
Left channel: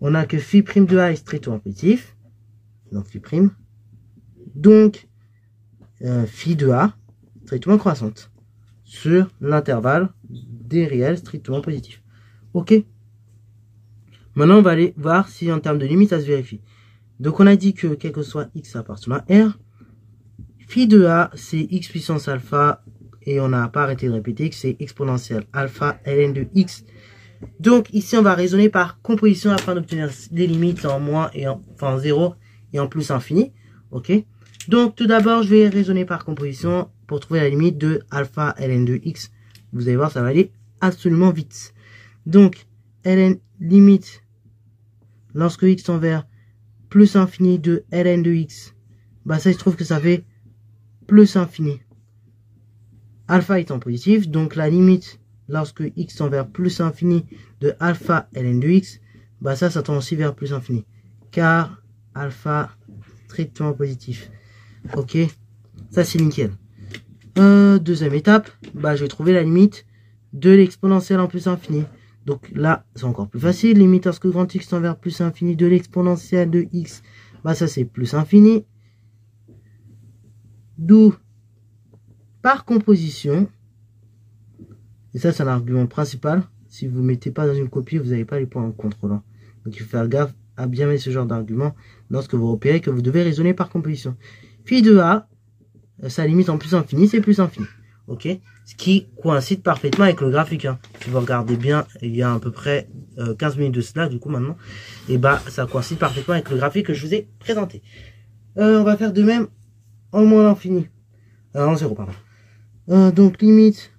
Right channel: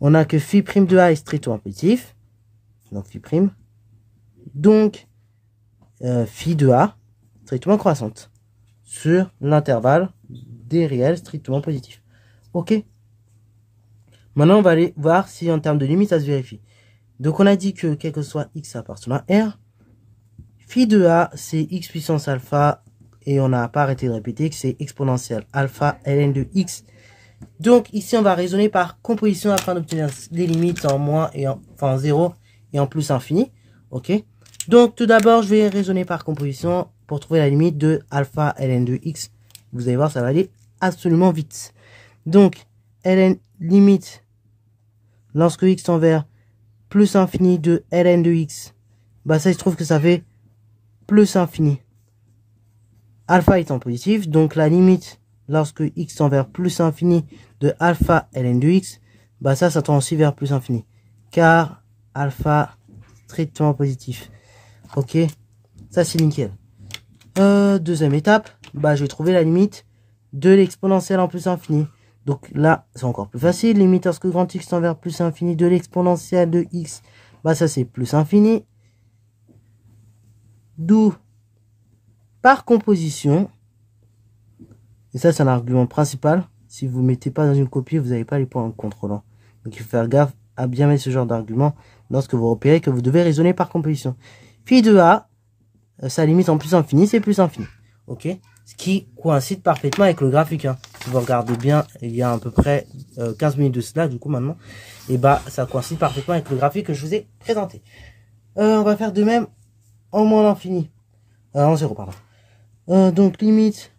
on a que phi prime de a est strictement positif, donc phi prime, donc phi de a strictement croissante sur l'intervalle des réels strictement positifs. Ok. Maintenant, on va aller voir si en termes de limite, ça se vérifie. Donc, on a dit que quel que soit x appartenant à R, phi de a, c'est x puissance alpha, et on n'a pas arrêté de répéter que c'est exponentielle alpha ln de x. Donc, ici, on va raisonner par composition afin d'obtenir des limites en moins et en 0 et en plus infini. Ok. Donc, tout d'abord, je vais raisonner par composition pour trouver la limite de alpha ln de x. Vous allez voir, ça va aller absolument vite. Donc, ln limite lorsque x tend vers plus infini de ln de x, ça il se trouve que ça fait plus infini. Alpha étant positif, donc la limite lorsque x tend vers plus infini de alpha ln de x, ça tend aussi vers plus infini. Car alpha strictement positif. Ok, ça c'est nickel. Deuxième étape, je vais trouver la limite de l'exponentielle en plus infini. Donc là, c'est encore plus facile. Limite lorsque grand x tend vers plus infini de l'exponentielle de x, ça c'est plus infini. D'où, par composition, et ça c'est un argument principal, si vous ne mettez pas dans une copie, vous n'avez pas les points en contrôlant. Donc il faut faire gaffe à bien mettre ce genre d'argument lorsque vous repérez que vous devez raisonner par composition. Phi de a, sa limite en plus infini, c'est plus infini. Ok, ce qui coïncide parfaitement avec le graphique. Hein. Si vous regardez bien, il y a à peu près 15 minutes de cela, du coup maintenant, et ça coïncide parfaitement avec le graphique que je vous ai présenté. On va faire de même en moins l'infini. En 0, pardon. Donc limite,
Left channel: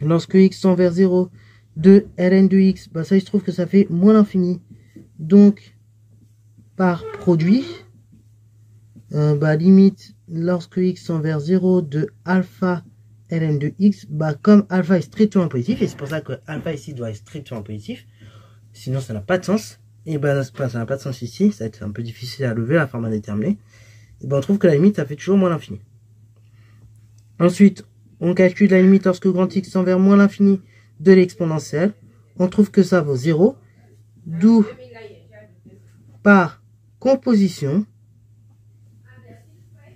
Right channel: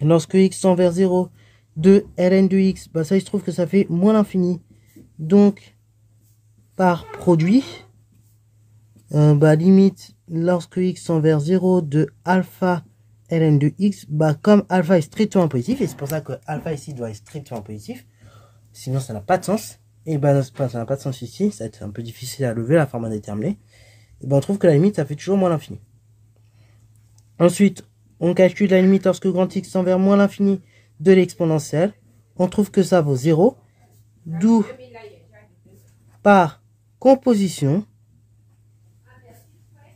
lorsque x tend vers 0, de ln de x, ça il se trouve que ça fait moins l'infini. Donc, par produit, limite, lorsque x tend vers 0 de alpha ln de x, comme alpha est strictement positif, et c'est pour ça que alpha ici doit être strictement positif, sinon ça n'a pas de sens, et ça n'a pas de sens ici, ça va être un peu difficile à lever, la forme indéterminée, et on trouve que la limite, ça fait toujours moins l'infini. Ensuite, on calcule la limite lorsque grand x tend vers moins l'infini de l'exponentielle, on trouve que ça vaut 0, d'où, par composition,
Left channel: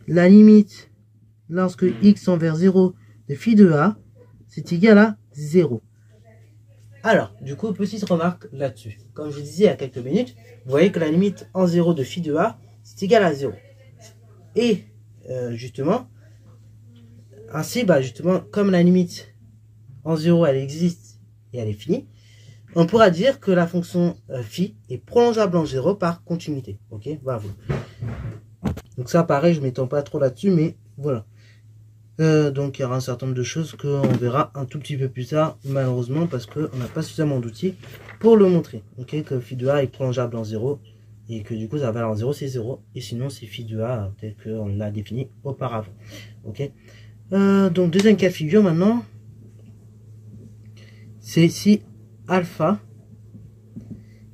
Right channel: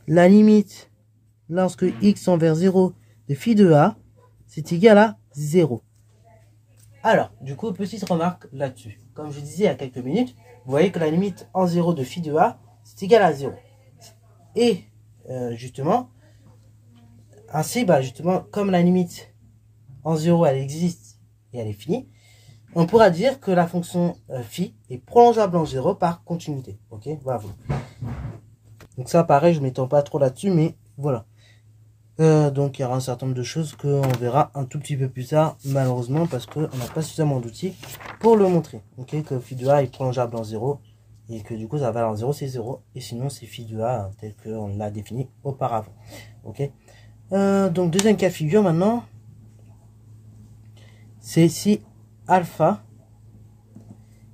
la limite lorsque x tend vers 0 de phi de a, c'est égal à 0. Alors, du coup, petite remarque là-dessus. Comme je vous disais il y a quelques minutes, vous voyez que la limite en 0 de phi de a, c'est égal à 0. Et, justement, ainsi, justement, comme la limite en 0, elle existe et elle est finie, on pourra dire que la fonction phi est prolongeable en 0 par continuité. Ok, voilà. Donc ça, pareil, je ne m'étends pas trop là-dessus, mais voilà. Donc il y aura un certain nombre de choses qu'on verra un tout petit peu plus tard, malheureusement, parce qu'on n'a pas suffisamment d'outils pour le montrer. Ok, que phi de a est prolongeable en 0, et que du coup, sa valeur en 0, c'est 0, et sinon, c'est phi de a tel qu'on l'a défini auparavant. Ok. Donc deuxième cas de figure maintenant, c'est si alpha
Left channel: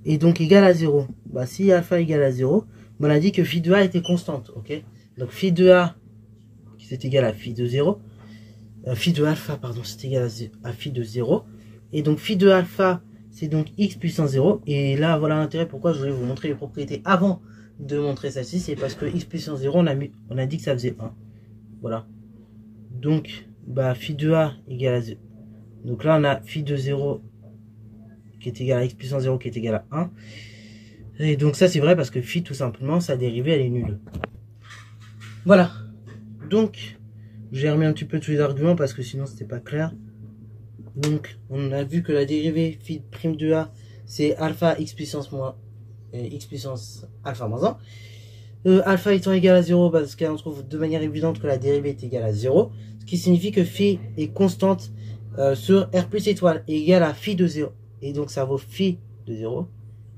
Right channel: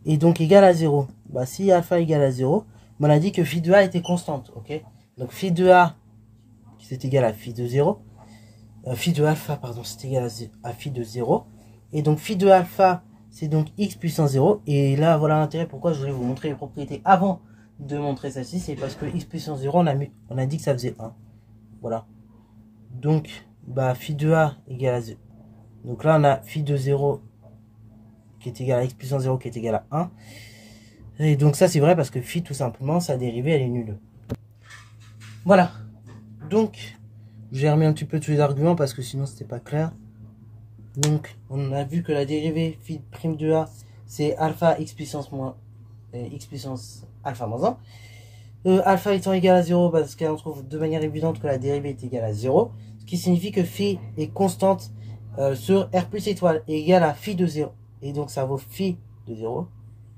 est donc égal à 0. Si alpha est égal à 0, on a dit que phi de A était constante, ok? Donc phi de A, c'est égal à phi de 0. Phi de alpha, pardon, c'est égal à phi de 0. Et donc phi de alpha, c'est donc x puissance 0. Et là, voilà l'intérêt pourquoi je voulais vous montrer les propriétés avant de montrer celle-ci. C'est parce que x puissance 0, on a dit que ça faisait 1. Voilà. Donc, bah, phi de A égale à 0. Donc là, on a phi de 0 qui est égal à x puissance 0 qui est égal à 1. Et donc ça, c'est vrai parce que phi, tout simplement, sa dérivée, elle est nulle. Voilà. Donc, j'ai remis un petit peu tous les arguments parce que sinon c'était pas clair. Donc on a vu que la dérivée phi prime de A c'est alpha x puissance alpha moins 1. Alpha étant égal à 0 parce qu'on trouve de manière évidente que la dérivée est égale à 0. Ce qui signifie que phi est constante sur R plus étoile est égal à phi de 0. Et donc ça vaut phi de 0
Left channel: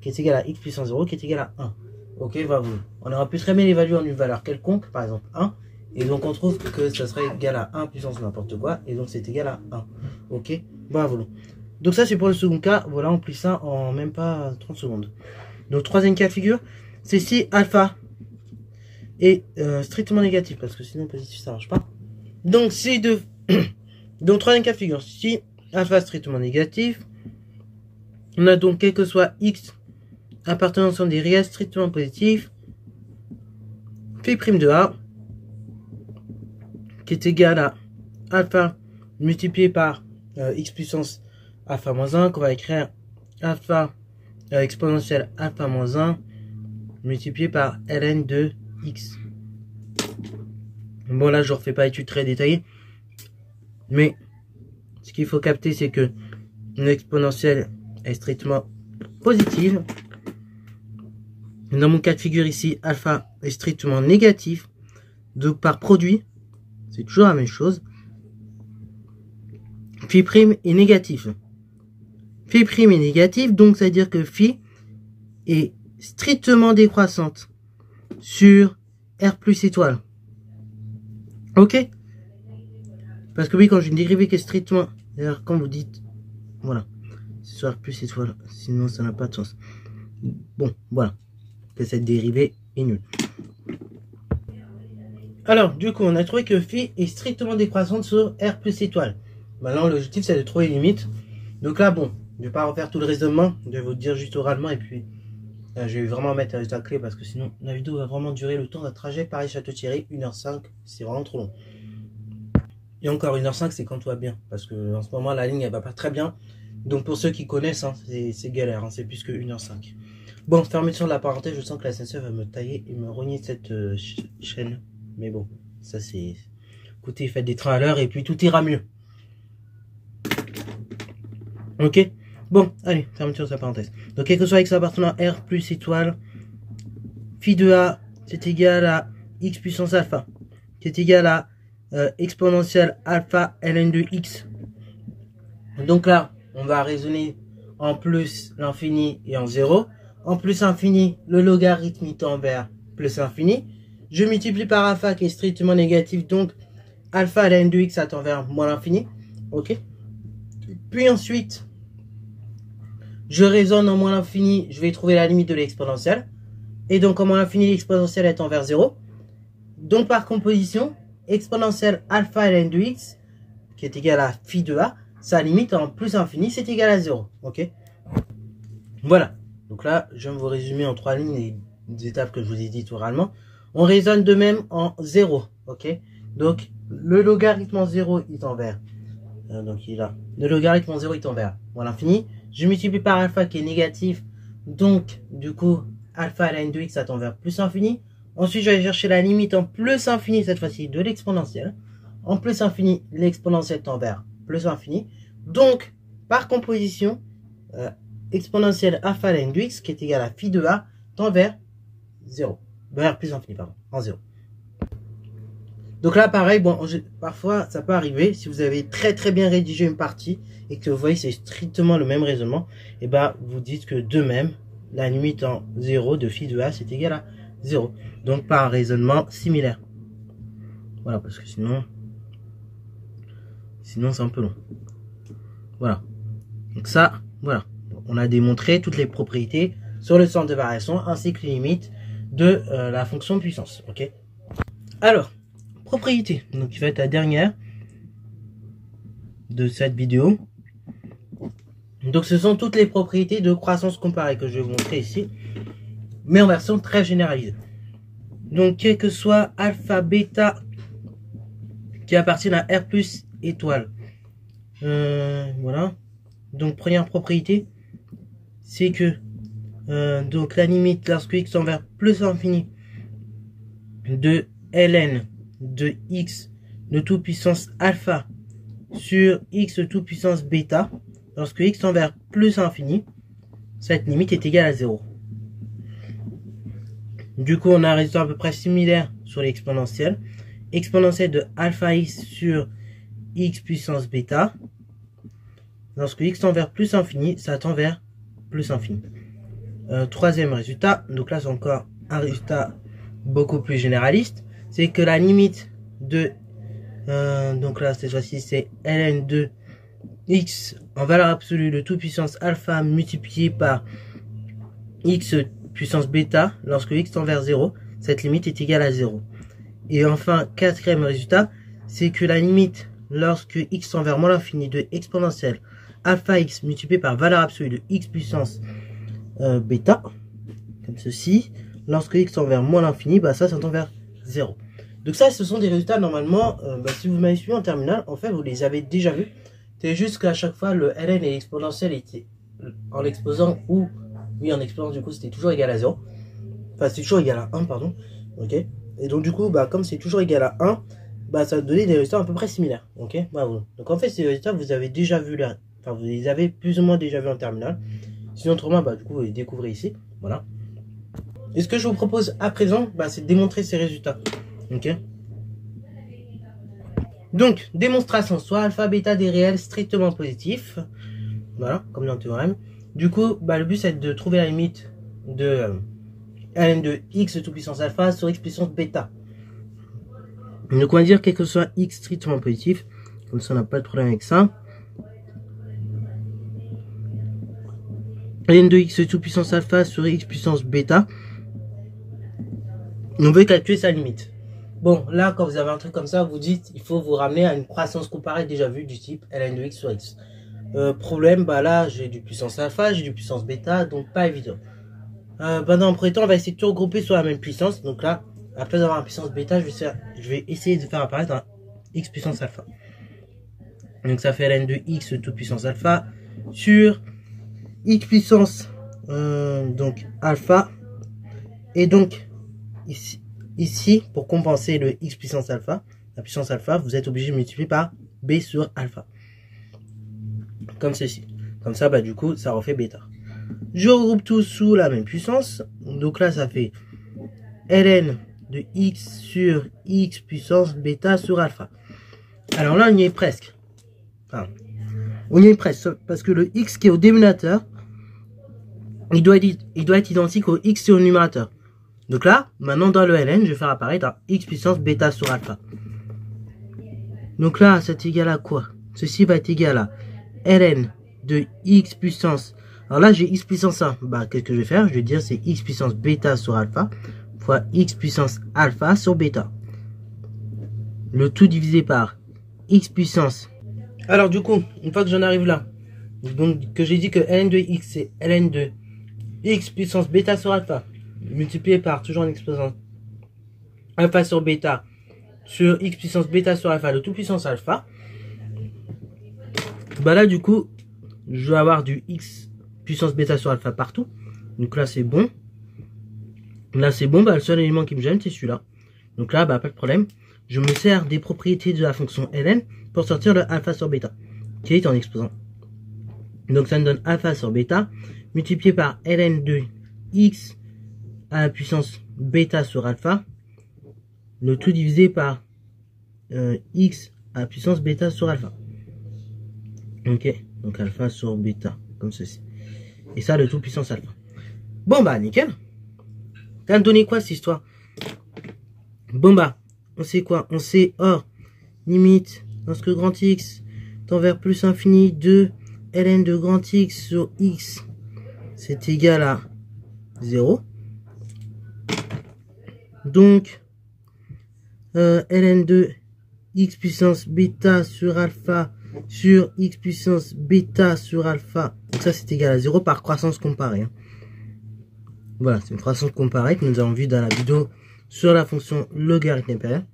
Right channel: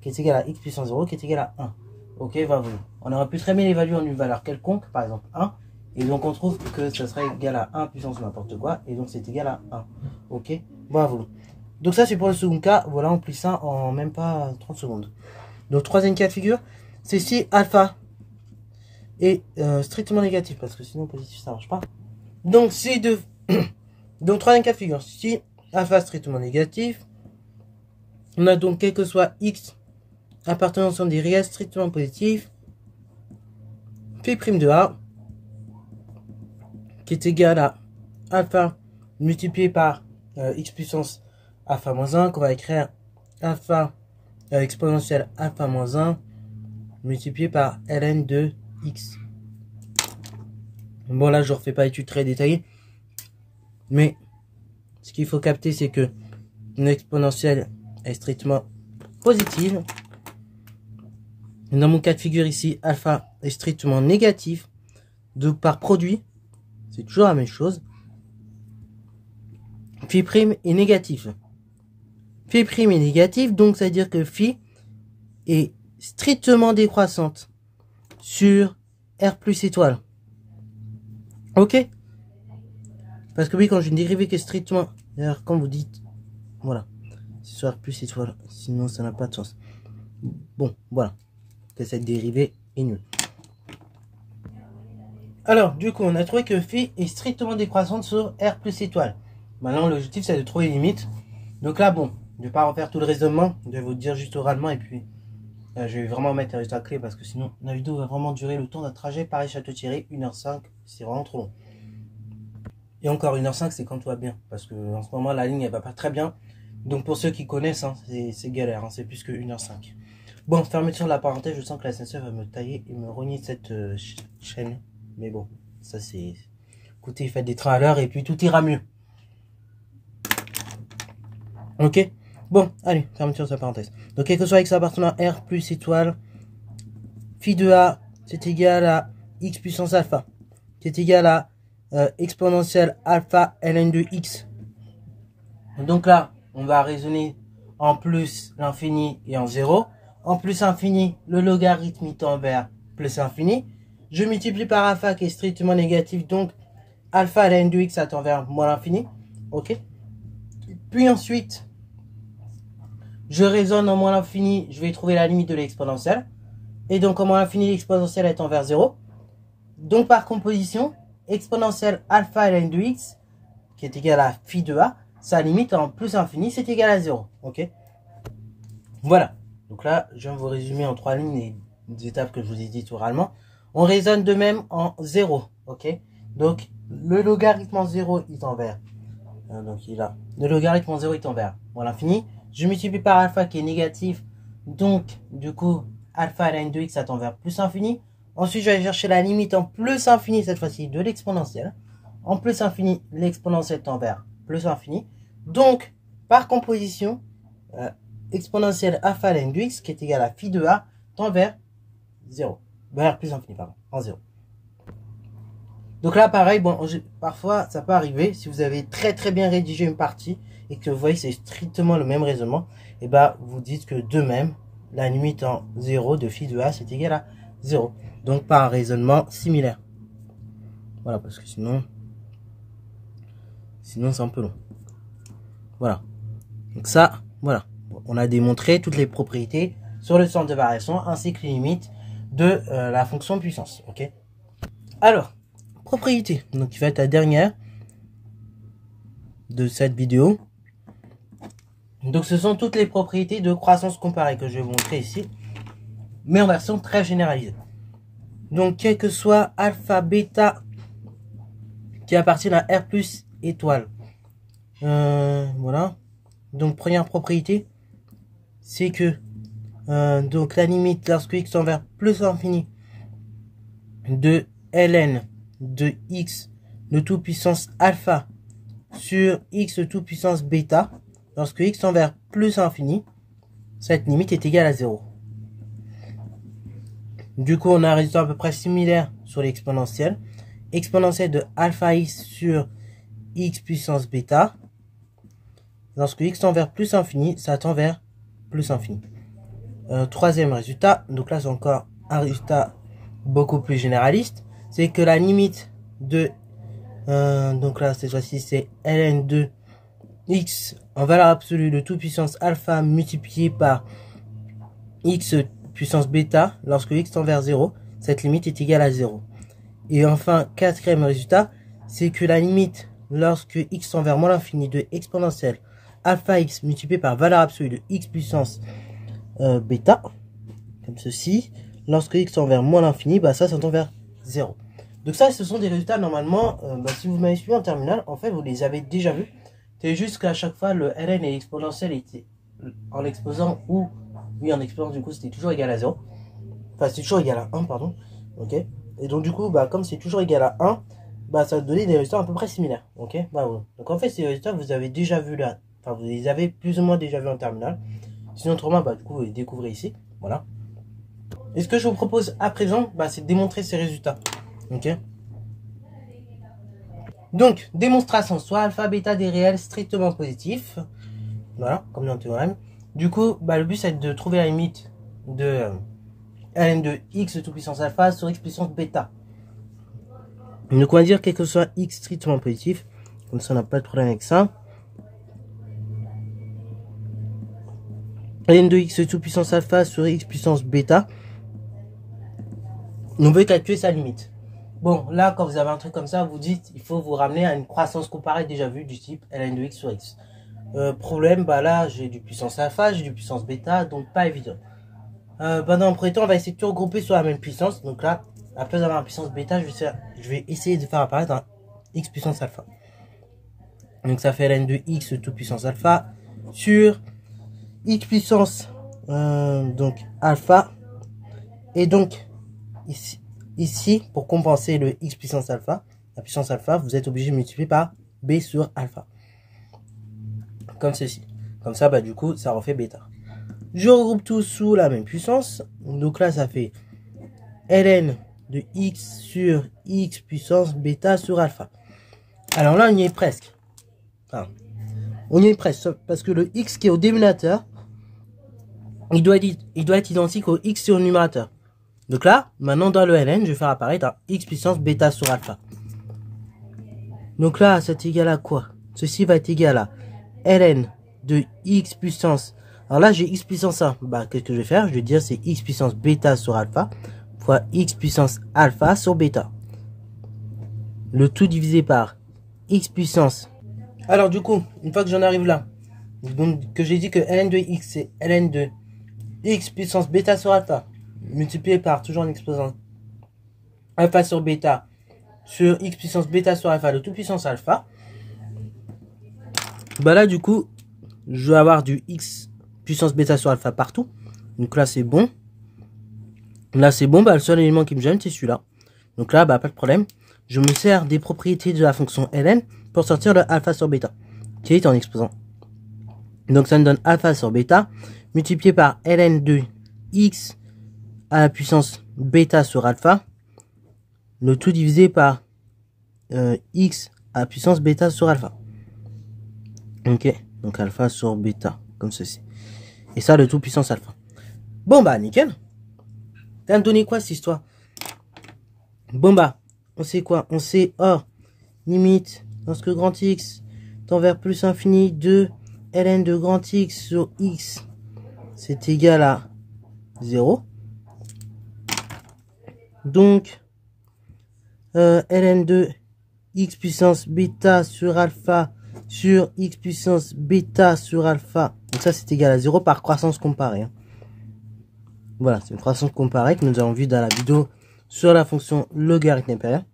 qui est égal à x puissance 0 qui est égal à 1. Ok, voilà. On aurait pu très bien l'évaluer en une valeur quelconque, par exemple 1. Et donc on trouve que ça serait égal à 1 puissance n'importe quoi. Et donc c'est égal à 1. Ok, bravo. Donc ça c'est pour le second cas. Voilà, on plie ça en même pas 30 secondes. Donc troisième cas de figure, c'est si alpha est strictement négatif. Parce que sinon positif ça marche pas. Donc c'est de... donc troisième cas de figure, si alpha est strictement négatif, on a donc quel que soit x appartenant à des réels strictement positifs, phi prime de A qui est égal à alpha multiplié par x puissance alpha moins 1, qu'on va écrire alpha exponentielle alpha moins 1 multiplié par ln de x. Bon là je ne refais pas étude très détaillée, mais ce qu'il faut capter c'est que une exponentielle est strictement positive. Dans mon cas de figure ici, alpha est strictement négatif, donc par produit, c'est toujours la même chose. Phi prime est négatif. Phi prime est négatif, donc ça veut dire que phi est strictement décroissante sur R plus étoile. Ok? Parce que oui, quand j'ai une dérivée qui est strictement... D'ailleurs, quand vous dites... Voilà. C'est sur R plus étoile. Sinon, ça n'a pas de sens. Bon, voilà. Que cette dérivée est nulle. Alors, du coup, on a trouvé que phi est strictement décroissante sur R plus étoile. Maintenant, l'objectif, c'est de trouver les limites. Donc là, bon, je ne vais pas refaire tout le raisonnement. Je vais vous dire juste oralement. Et puis, je vais vraiment mettre un résultat clé parce que sinon, la vidéo va vraiment durer le temps d'un trajet Paris-Château-Thierry. 1h05. C'est vraiment trop long. Et encore 1h05, c'est quand tout va bien. Parce que en ce moment, la ligne, elle va pas très bien. Donc, pour ceux qui connaissent, hein, c'est galère. Hein, c'est plus que 1h05. Bon, fermeture de la parenthèse. Je sens que la SNCF va me tailler et me rogner cette chaîne. Mais bon, ça c'est... Écoutez, faites des trains à l'heure et puis tout ira mieux. Ok. Bon, allez, fermeture de sa parenthèse. Donc, quel que soit x appartenant à R plus étoile, phi de A, c'est égal à x puissance alpha, qui est égal à exponentielle alpha ln de x. Donc là, on va raisonner en plus l'infini et en 0. En plus infini, le logarithme tend vers plus infini. Je multiplie par alpha qui est strictement négatif, donc alpha ln de x ça tend vers moins l'infini. Ok. Puis ensuite, je raisonne en moins l'infini, je vais trouver la limite de l'exponentielle. Et donc en moins l'infini, l'exponentielle est tend vers 0. Donc par composition, exponentielle alpha ln de x, qui est égal à phi de a, sa limite en plus infini, c'est égal à 0. Ok. Voilà. Donc là, je viens de vous résumer en 3 lignes les étapes que je vous ai dites oralement. On raisonne de même en 0, ok. Donc, le logarithme en 0, il tend vers... donc, il a... Le logarithme en 0, il tend vers moins l'infini. Je multiplie par alpha qui est négatif. Donc, du coup, alpha ln de x, ça tend vers plus infini. Ensuite, je vais chercher la limite en plus infini, cette fois-ci, de l'exponentielle. En plus infini, l'exponentielle tend vers plus infini. Donc, par composition, exponentielle alpha ln de x, qui est égal à phi de a, tend vers 0. Vers plus infini, pardon, en 0. Donc là, pareil, bon, parfois, ça peut arriver, si vous avez très bien rédigé une partie, et que vous voyez c'est strictement le même raisonnement, et bah, vous dites que de même, la limite en 0 de phi de a, c'est égal à 0. Donc, par un raisonnement similaire. Voilà, parce que sinon c'est un peu long. Voilà. Donc ça, voilà. On a démontré toutes les propriétés sur le centre de variation, ainsi que les limites de la fonction puissance. Ok. Alors, propriété, donc qui va être la dernière de cette vidéo. Donc ce sont toutes les propriétés de croissance comparée que je vais vous montrer ici, mais en version très généralisée. Donc quel que soit alpha, bêta qui appartiennent à R plus étoile. Voilà. Donc première propriété, c'est que donc la limite lorsque x tend vers plus l'infini de ln de x de tout puissance alpha sur x de tout puissance bêta, lorsque x tend vers plus l'infini, cette limite est égale à 0. Du coup, on a un résultat à peu près similaire sur l'exponentielle. Exponentielle de alpha x sur x puissance bêta. Lorsque x tend vers plus infini, ça tend vers plus infini. Troisième résultat, donc là c'est encore un résultat beaucoup plus généraliste, c'est que la limite de, donc là cette fois-ci c'est ln de x en valeur absolue de toute puissance alpha multiplié par x puissance bêta, lorsque x tend vers 0, cette limite est égale à 0. Et enfin, quatrième résultat, c'est que la limite lorsque x tend vers moins l'infini de exponentielle alpha x multiplié par valeur absolue de x puissance bêta, comme ceci, lorsque x tend vers moins l'infini, bah ça tend vers 0. Donc ça, ce sont des résultats normalement, si vous m'avez suivi en terminale, en fait vous les avez déjà vus. C'est juste qu'à chaque fois le ln et l'exponentielle étaient en l'exposant ou oui en exposant, du coup c'était toujours égal à 0. Enfin c'est toujours égal à 1, pardon. Ok. Et donc du coup, comme c'est toujours égal à 1, ça va donner des résultats à peu près similaires. Ok. Voilà. Donc en fait ces résultats vous avez déjà vu là. Enfin vous les avez plus ou moins déjà vus en terminale. Sinon autrement, du coup vous les découvrez ici. Voilà. Et ce que je vous propose à présent, c'est de démontrer ces résultats. Ok. Donc, démonstration, soit alpha, bêta des réels strictement positifs. Voilà, comme dans le théorème. Du coup, le but c'est de trouver la limite de ln de x de toute puissance alpha sur x puissance bêta. Donc on va dire quel que soit x strictement positif. Comme ça on n'a pas de problème avec ça. Ln de x de toute puissance alpha sur x puissance bêta. On veut calculer sa limite. Bon, là, quand vous avez un truc comme ça, vous dites, il faut vous ramener à une croissance comparée déjà vue du type ln de x sur x. Problème, là, j'ai du puissance alpha, j'ai du puissance bêta, donc pas évident. Dans le premier temps, on va essayer de tout regrouper sur la même puissance. Donc là, à la place d'avoir une puissance bêta, je vais essayer de faire apparaître un x puissance alpha. Donc ça fait ln de x de toute puissance alpha sur x puissance donc alpha. Et donc, ici, pour compenser le x puissance alpha, la puissance alpha, vous êtes obligé de multiplier par b sur alpha. Comme ceci. Comme ça, du coup, ça refait bêta. Je regroupe tout sous la même puissance. Donc là, ça fait ln de x sur x puissance bêta sur alpha. Alors là, on y est presque. Enfin, on y est presque. Parce que le x qui est au dénominateur, il doit être identique au x qui est au numérateur. Donc là, maintenant dans le ln, je vais faire apparaître un x puissance bêta sur alpha. Donc là, c'est égal à quoi? Ceci va être égal à ln de x puissance. Alors là, j'ai x puissance 1. Qu'est-ce que je vais faire? Je vais dire c'est x puissance bêta sur alpha fois x puissance alpha sur bêta. Le tout divisé par x puissance. Alors du coup, une fois que j'en arrive là, donc que j'ai dit que ln de x, c'est ln de x puissance bêta sur alpha multiplié par toujours un exposant alpha sur bêta sur x puissance bêta sur alpha de toute puissance alpha. Là du coup je vais avoir du x puissance bêta sur alpha partout. Donc là c'est bon. Là c'est bon. Le seul élément qui me gêne c'est celui-là. Donc là pas de problème. Je me sers des propriétés de la fonction ln pour sortir le alpha sur bêta qui est en exposant. Donc ça me donne alpha sur bêta multiplié par ln de x à la puissance bêta sur alpha, le tout divisé par x à la puissance bêta sur alpha. Ok, donc alpha sur bêta, comme ceci. Et ça, le tout puissance alpha. Bon nickel. Ça va me donner quoi cette histoire? Bon on sait quoi? On sait or, limite, lorsque grand x tend vers plus infini de ln de grand x sur x, c'est égal à 0. Donc, ln de x puissance bêta sur alpha sur x puissance bêta sur alpha. Donc ça, c'est égal à 0 par croissance comparée. Hein. Voilà, c'est une croissance comparée que nous avons vu dans la vidéo sur la fonction logarithme impérial.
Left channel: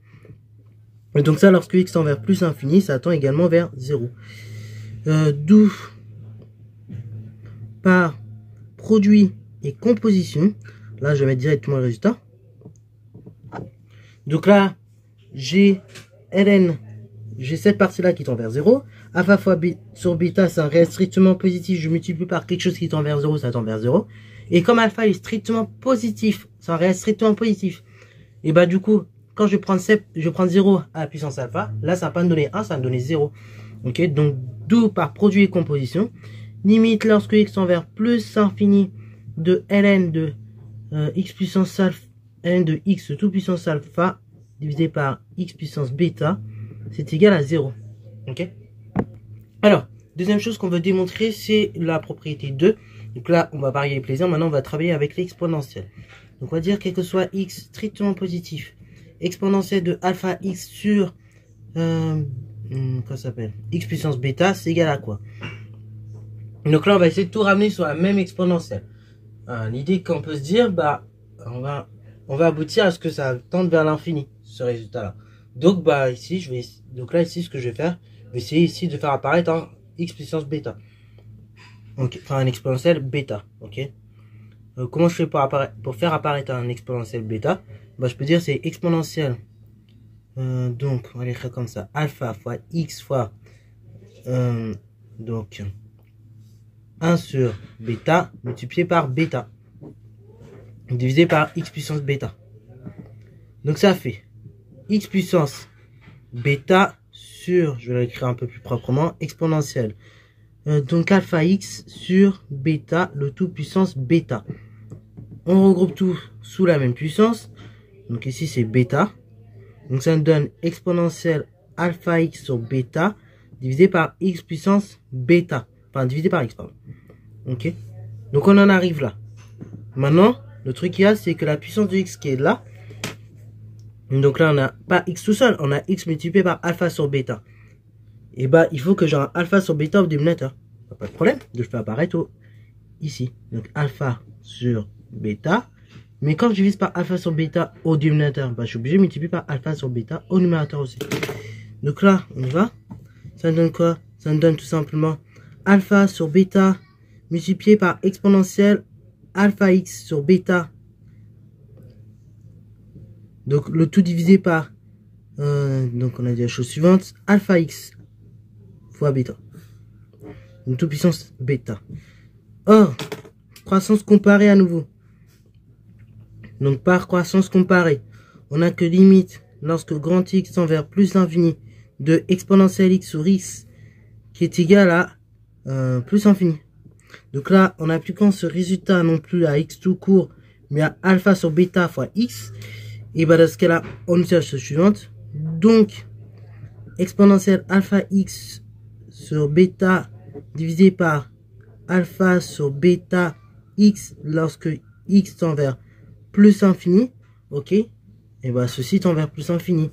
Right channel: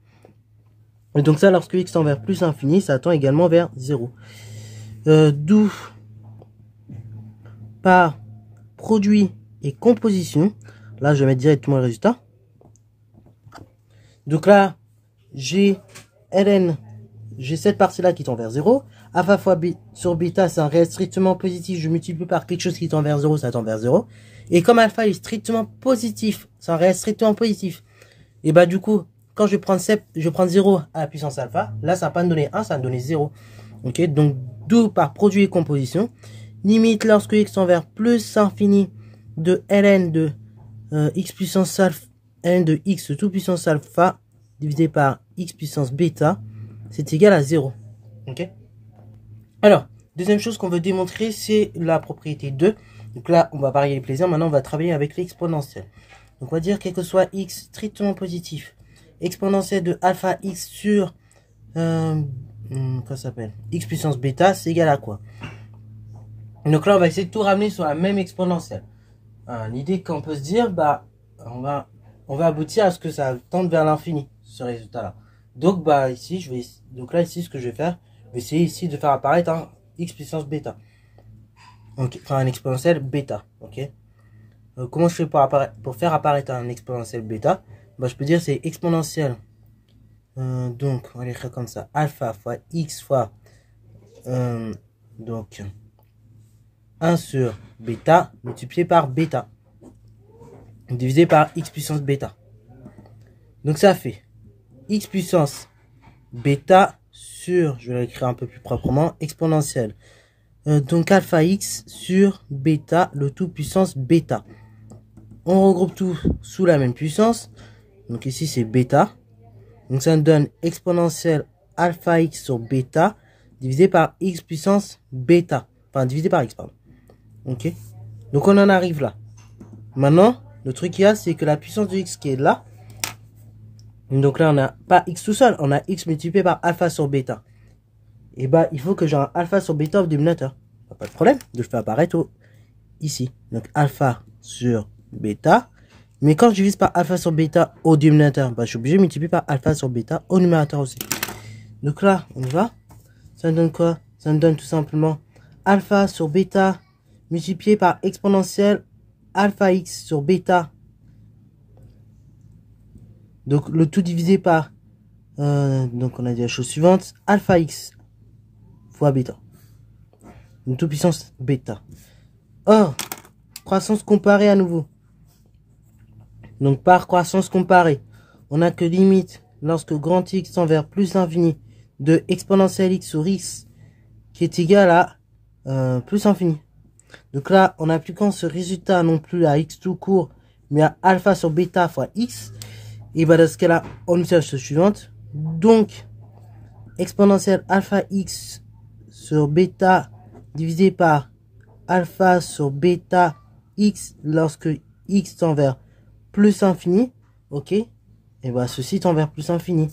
Et donc ça, lorsque x tend vers plus infini, ça tend également vers 0. D'où par produit et composition, là je vais mettre directement le résultat. Donc là, j'ai ln, j'ai cette partie-là qui tend vers 0. Alpha fois b sur bêta, c'est un réel strictement positif. Je multiplie par quelque chose qui tend vers 0, ça tend vers 0. Et comme alpha est strictement positif, c'est un réel strictement positif. Et bah du coup, quand je vais prendre 0 à la puissance alpha, là ça va pas me donner 1, ça va me donner 0. Ok, donc d'où par produit et composition. Limite lorsque x tend vers plus infini de ln de x puissance alpha, ln de x tout puissance alpha divisé par x puissance bêta, c'est égal à 0. Ok. Alors, deuxième chose qu'on veut démontrer, c'est la propriété 2. Donc là, on va varier les plaisirs. Maintenant, on va travailler avec l'exponentielle. Donc, on va dire quel que soit x strictement positif, exponentielle de alpha x sur quoi ça s'appelle x puissance bêta, c'est égal à quoi? Donc là, on va essayer de tout ramener sur la même exponentielle. L'idée qu'on peut se dire, bah, on va aboutir à ce que ça tende vers l'infini, ce résultat-là. Donc, bah, ici, donc là, ici, ce que je vais faire, je vais essayer ici de faire apparaître un x puissance bêta. Donc, enfin, un exponentiel bêta, ok. Comment je fais pour faire apparaître un exponentiel bêta? Bah, je peux dire c'est exponentiel. Donc, on va l'écrire comme ça. Alpha fois x fois, donc, 1 sur bêta multiplié par bêta. Divisé par x puissance bêta. Donc, ça fait x puissance bêta sur, je vais l'écrire un peu plus proprement, exponentielle. Donc alpha x sur bêta, le tout puissance bêta. On regroupe tout sous la même puissance. Donc ici c'est bêta. Donc ça nous donne exponentielle alpha x sur bêta divisé par x puissance bêta. Enfin divisé par x, pardon. Ok. Donc on en arrive là. Maintenant, le truc qu'il y a, c'est que la puissance de x qui est là. Donc là on n'a pas x tout seul, on a x multiplié par alpha sur bêta. Et bah il faut que j'ai un alpha sur bêta au dénominateur. Pas de problème, je le fais apparaître ici. Donc alpha sur bêta. Mais quand je divise par alpha sur bêta au dénominateur, bah, je suis obligé de multiplier par alpha sur bêta au numérateur aussi. Donc là, on va. Ça me donne quoi? Ça me donne tout simplement alpha sur bêta multiplié par exponentielle alpha x sur bêta. Donc le tout divisé par donc on a dit la chose suivante, alpha x fois bêta. Une toute puissance bêta. Or, croissance comparée à nouveau. Donc par croissance comparée, on a que limite lorsque grand x tend vers plus l'infini de exponentielle x sur x qui est égal à plus infini. Donc là, en appliquant ce résultat non plus à x tout court, mais à alpha sur bêta fois x, et bien dans ce cas-là, on obtient la chose suivante. Donc, exponentielle alpha x sur bêta divisé par alpha sur bêta x lorsque x tend vers plus infini, ok, et bien ceci tend vers plus infini.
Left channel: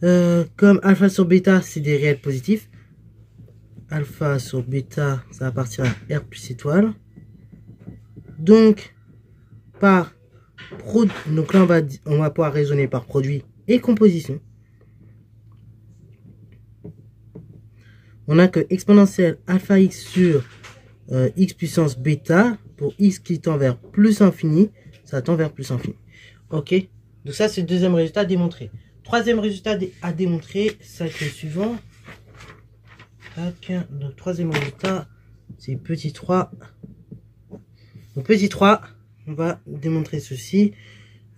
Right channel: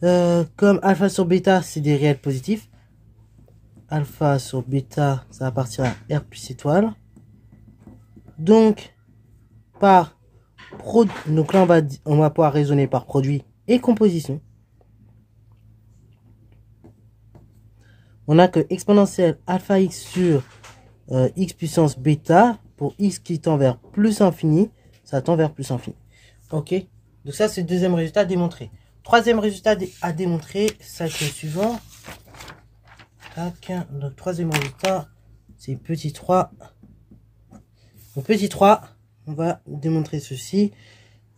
Comme alpha sur bêta c'est des réels positifs, alpha sur bêta ça va partir à r plus étoile. Donc par donc là on va pouvoir raisonner par produit et composition. On a que exponentielle alpha x sur x puissance bêta pour x qui tend vers plus infini, ça tend vers plus infini. Ok, donc ça c'est le deuxième résultat à démontrer. Troisième résultat à démontrer, ça c'est le suivant. Tac. Donc troisième résultat, c'est petit 3. Donc petit 3, on va démontrer ceci.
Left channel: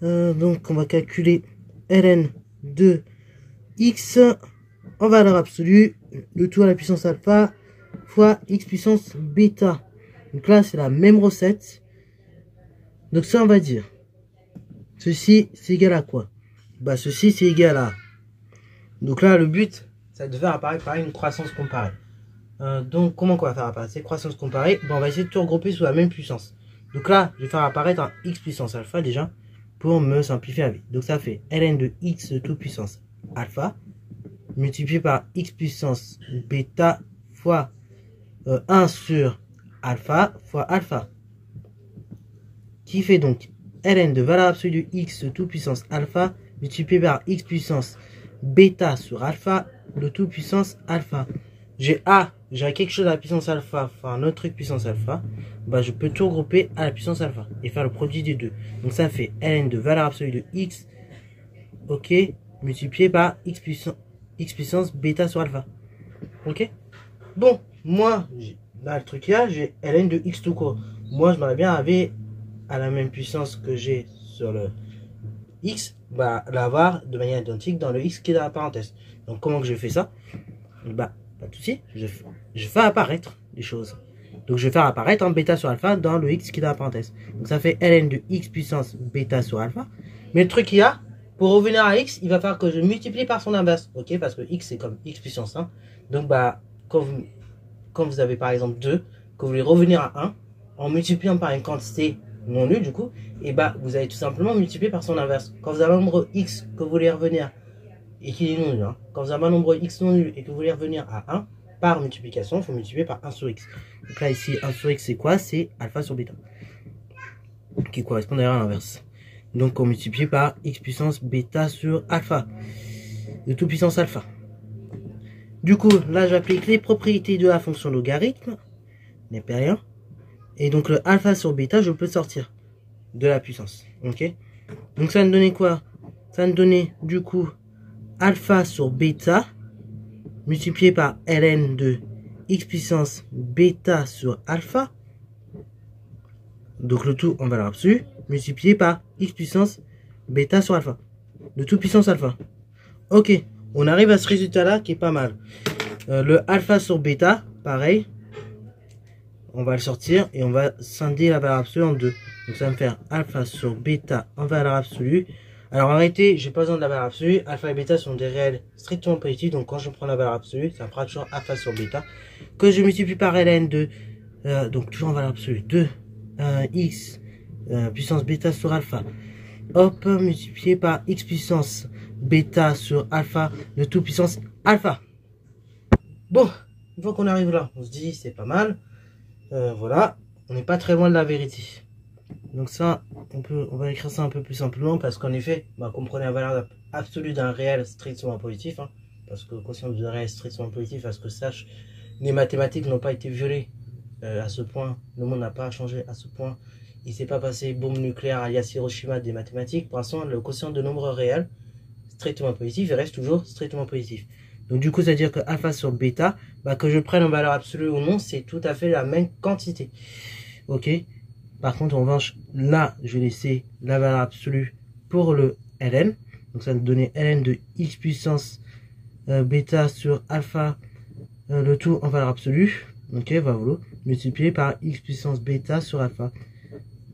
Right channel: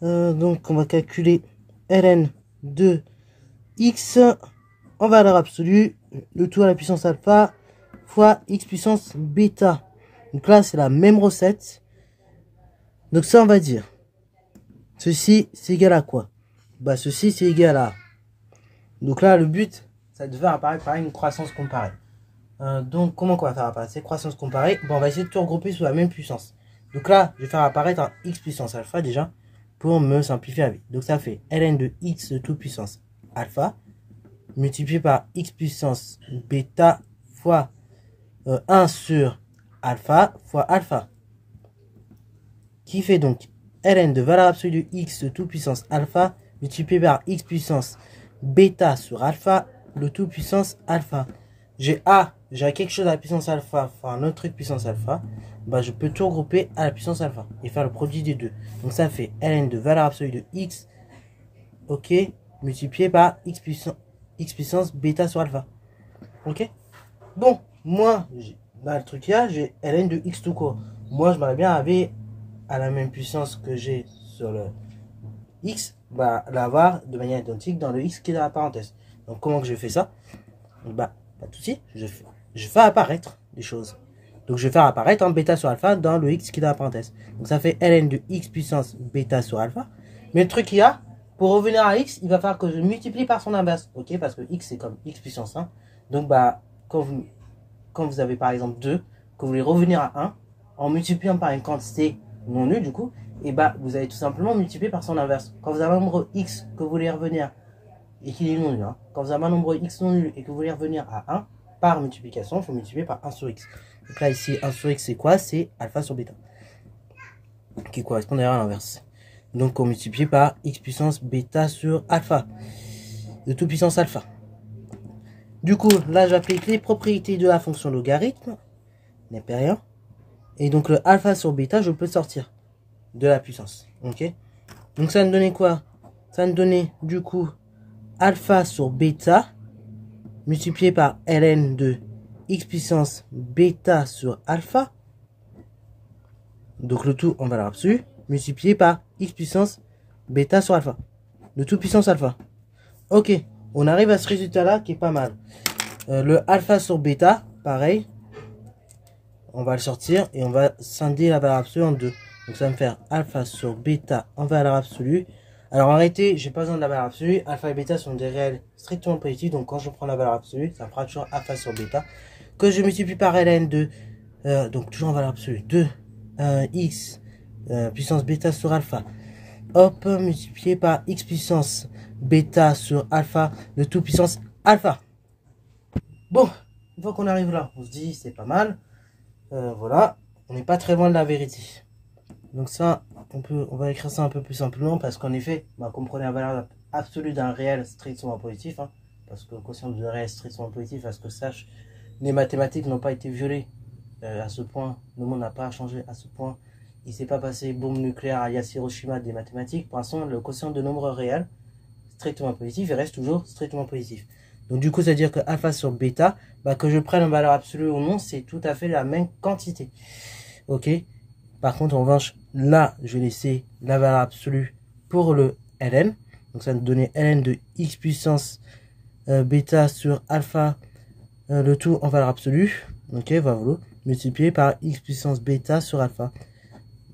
Donc on va calculer ln de x en valeur absolue, le tout à la puissance alpha fois x puissance bêta. Donc là c'est la même recette. Donc ça on va dire, ceci c'est égal à quoi? Bah ceci c'est égal à, donc là le but c'est de faire apparaître par une croissance comparée. Donc comment on va faire apparaître cette croissance comparée? Bon, on va essayer de tout regrouper sous la même puissance. Donc là je vais faire apparaître un x puissance alpha déjà. pour me simplifier la vie. Donc ça fait ln de x tout puissance alpha multiplié par x puissance bêta fois 1 sur alpha fois alpha, qui fait donc ln de valeur absolue de x tout puissance alpha multiplié par x puissance bêta sur alpha, le tout puissance alpha. J'ai quelque chose à la puissance alpha, enfin un autre truc puissance alpha, bah je peux tout regrouper à la puissance alpha et faire le produit des deux. Donc ça fait ln de valeur absolue de x, ok, multiplié par x puissance bêta sur alpha. Ok. Bon, moi, dans le truc là, j'ai ln de x tout court. Moi, j'aimerais bien avoir à la même puissance que j'ai sur le x, bah l'avoir de manière identique dans le x qui est dans la parenthèse. Donc comment que je fais ça? Bah, pas de souci, je fais apparaître les choses. Donc je vais faire apparaître en bêta sur alpha dans le x qui est dans la parenthèse. Donc ça fait ln de x puissance bêta sur alpha. Mais le truc qu'il y a, pour revenir à x, il va falloir que je multiplie par son inverse. Ok, parce que x c'est comme x puissance 1. Donc bah, quand vous avez par exemple 2, que vous voulez revenir à 1, en multipliant par une quantité non nulle du coup, et bah vous allez tout simplement multiplier par son inverse. Quand vous avez un nombre x que vous voulez revenir et qu'il est non nul, hein, quand vous avez un nombre x non nul et que vous voulez revenir à 1, par multiplication, il faut multiplier par 1 sur x. Donc là ici 1 sur x c'est quoi? C'est alpha sur bêta, qui correspond d'ailleurs à l'inverse. Donc on multiplie par x puissance bêta sur alpha, de tout puissance alpha. Du coup, là j'applique les propriétés de la fonction logarithme, n'est pas rien. Et donc le alpha sur bêta, je peux sortir de la puissance. Ok. Donc ça va me donner quoi? Ça va me donner du coup alpha sur bêta multiplié par ln de x puissance bêta sur alpha. Donc le tout en valeur absolue multiplié par x puissance bêta sur alpha. Le tout puissance alpha. Ok. On arrive à ce résultat là qui est pas mal. Le alpha sur bêta, pareil. On va le sortir et on va scinder la valeur absolue en deux. Donc ça va me faire alpha sur bêta en valeur absolue. Alors arrêtez, j'ai pas besoin de la valeur absolue. Alpha et bêta sont des réels strictement positifs. Donc quand je prends la valeur absolue, ça fera toujours alpha sur bêta. Que je multiplie par ln de, donc toujours en valeur absolue, 2 x puissance bêta sur alpha. Hop, multiplié par x puissance bêta sur alpha, le tout puissance alpha. Bon, une fois qu'on arrive là, on se dit c'est pas mal. Voilà, on n'est pas très loin de la vérité. Donc ça, on va écrire ça un peu plus simplement parce qu'en effet, bah, comprenez la valeur absolue d'un réel strictement positif, hein, parce que le quotient d'un réel strictement positif, à ce que sache, les mathématiques n'ont pas été violées à ce point, le monde n'a pas changé à ce point, il ne s'est pas passé bombe nucléaire à Hiroshima des mathématiques. Pour l'instant, le quotient de nombre réel strictement positif, il reste toujours strictement positif. Donc du coup, ça veut dire que alpha sur bêta, bah, que je prenne en valeur absolue ou non, c'est tout à fait la même quantité. Ok. Par contre, en revanche, là, je vais laisser la valeur absolue pour le ln. Donc ça va me donner ln de x puissance bêta sur alpha, le tout en valeur absolue. Ok, voilà, multiplié par x puissance bêta sur alpha,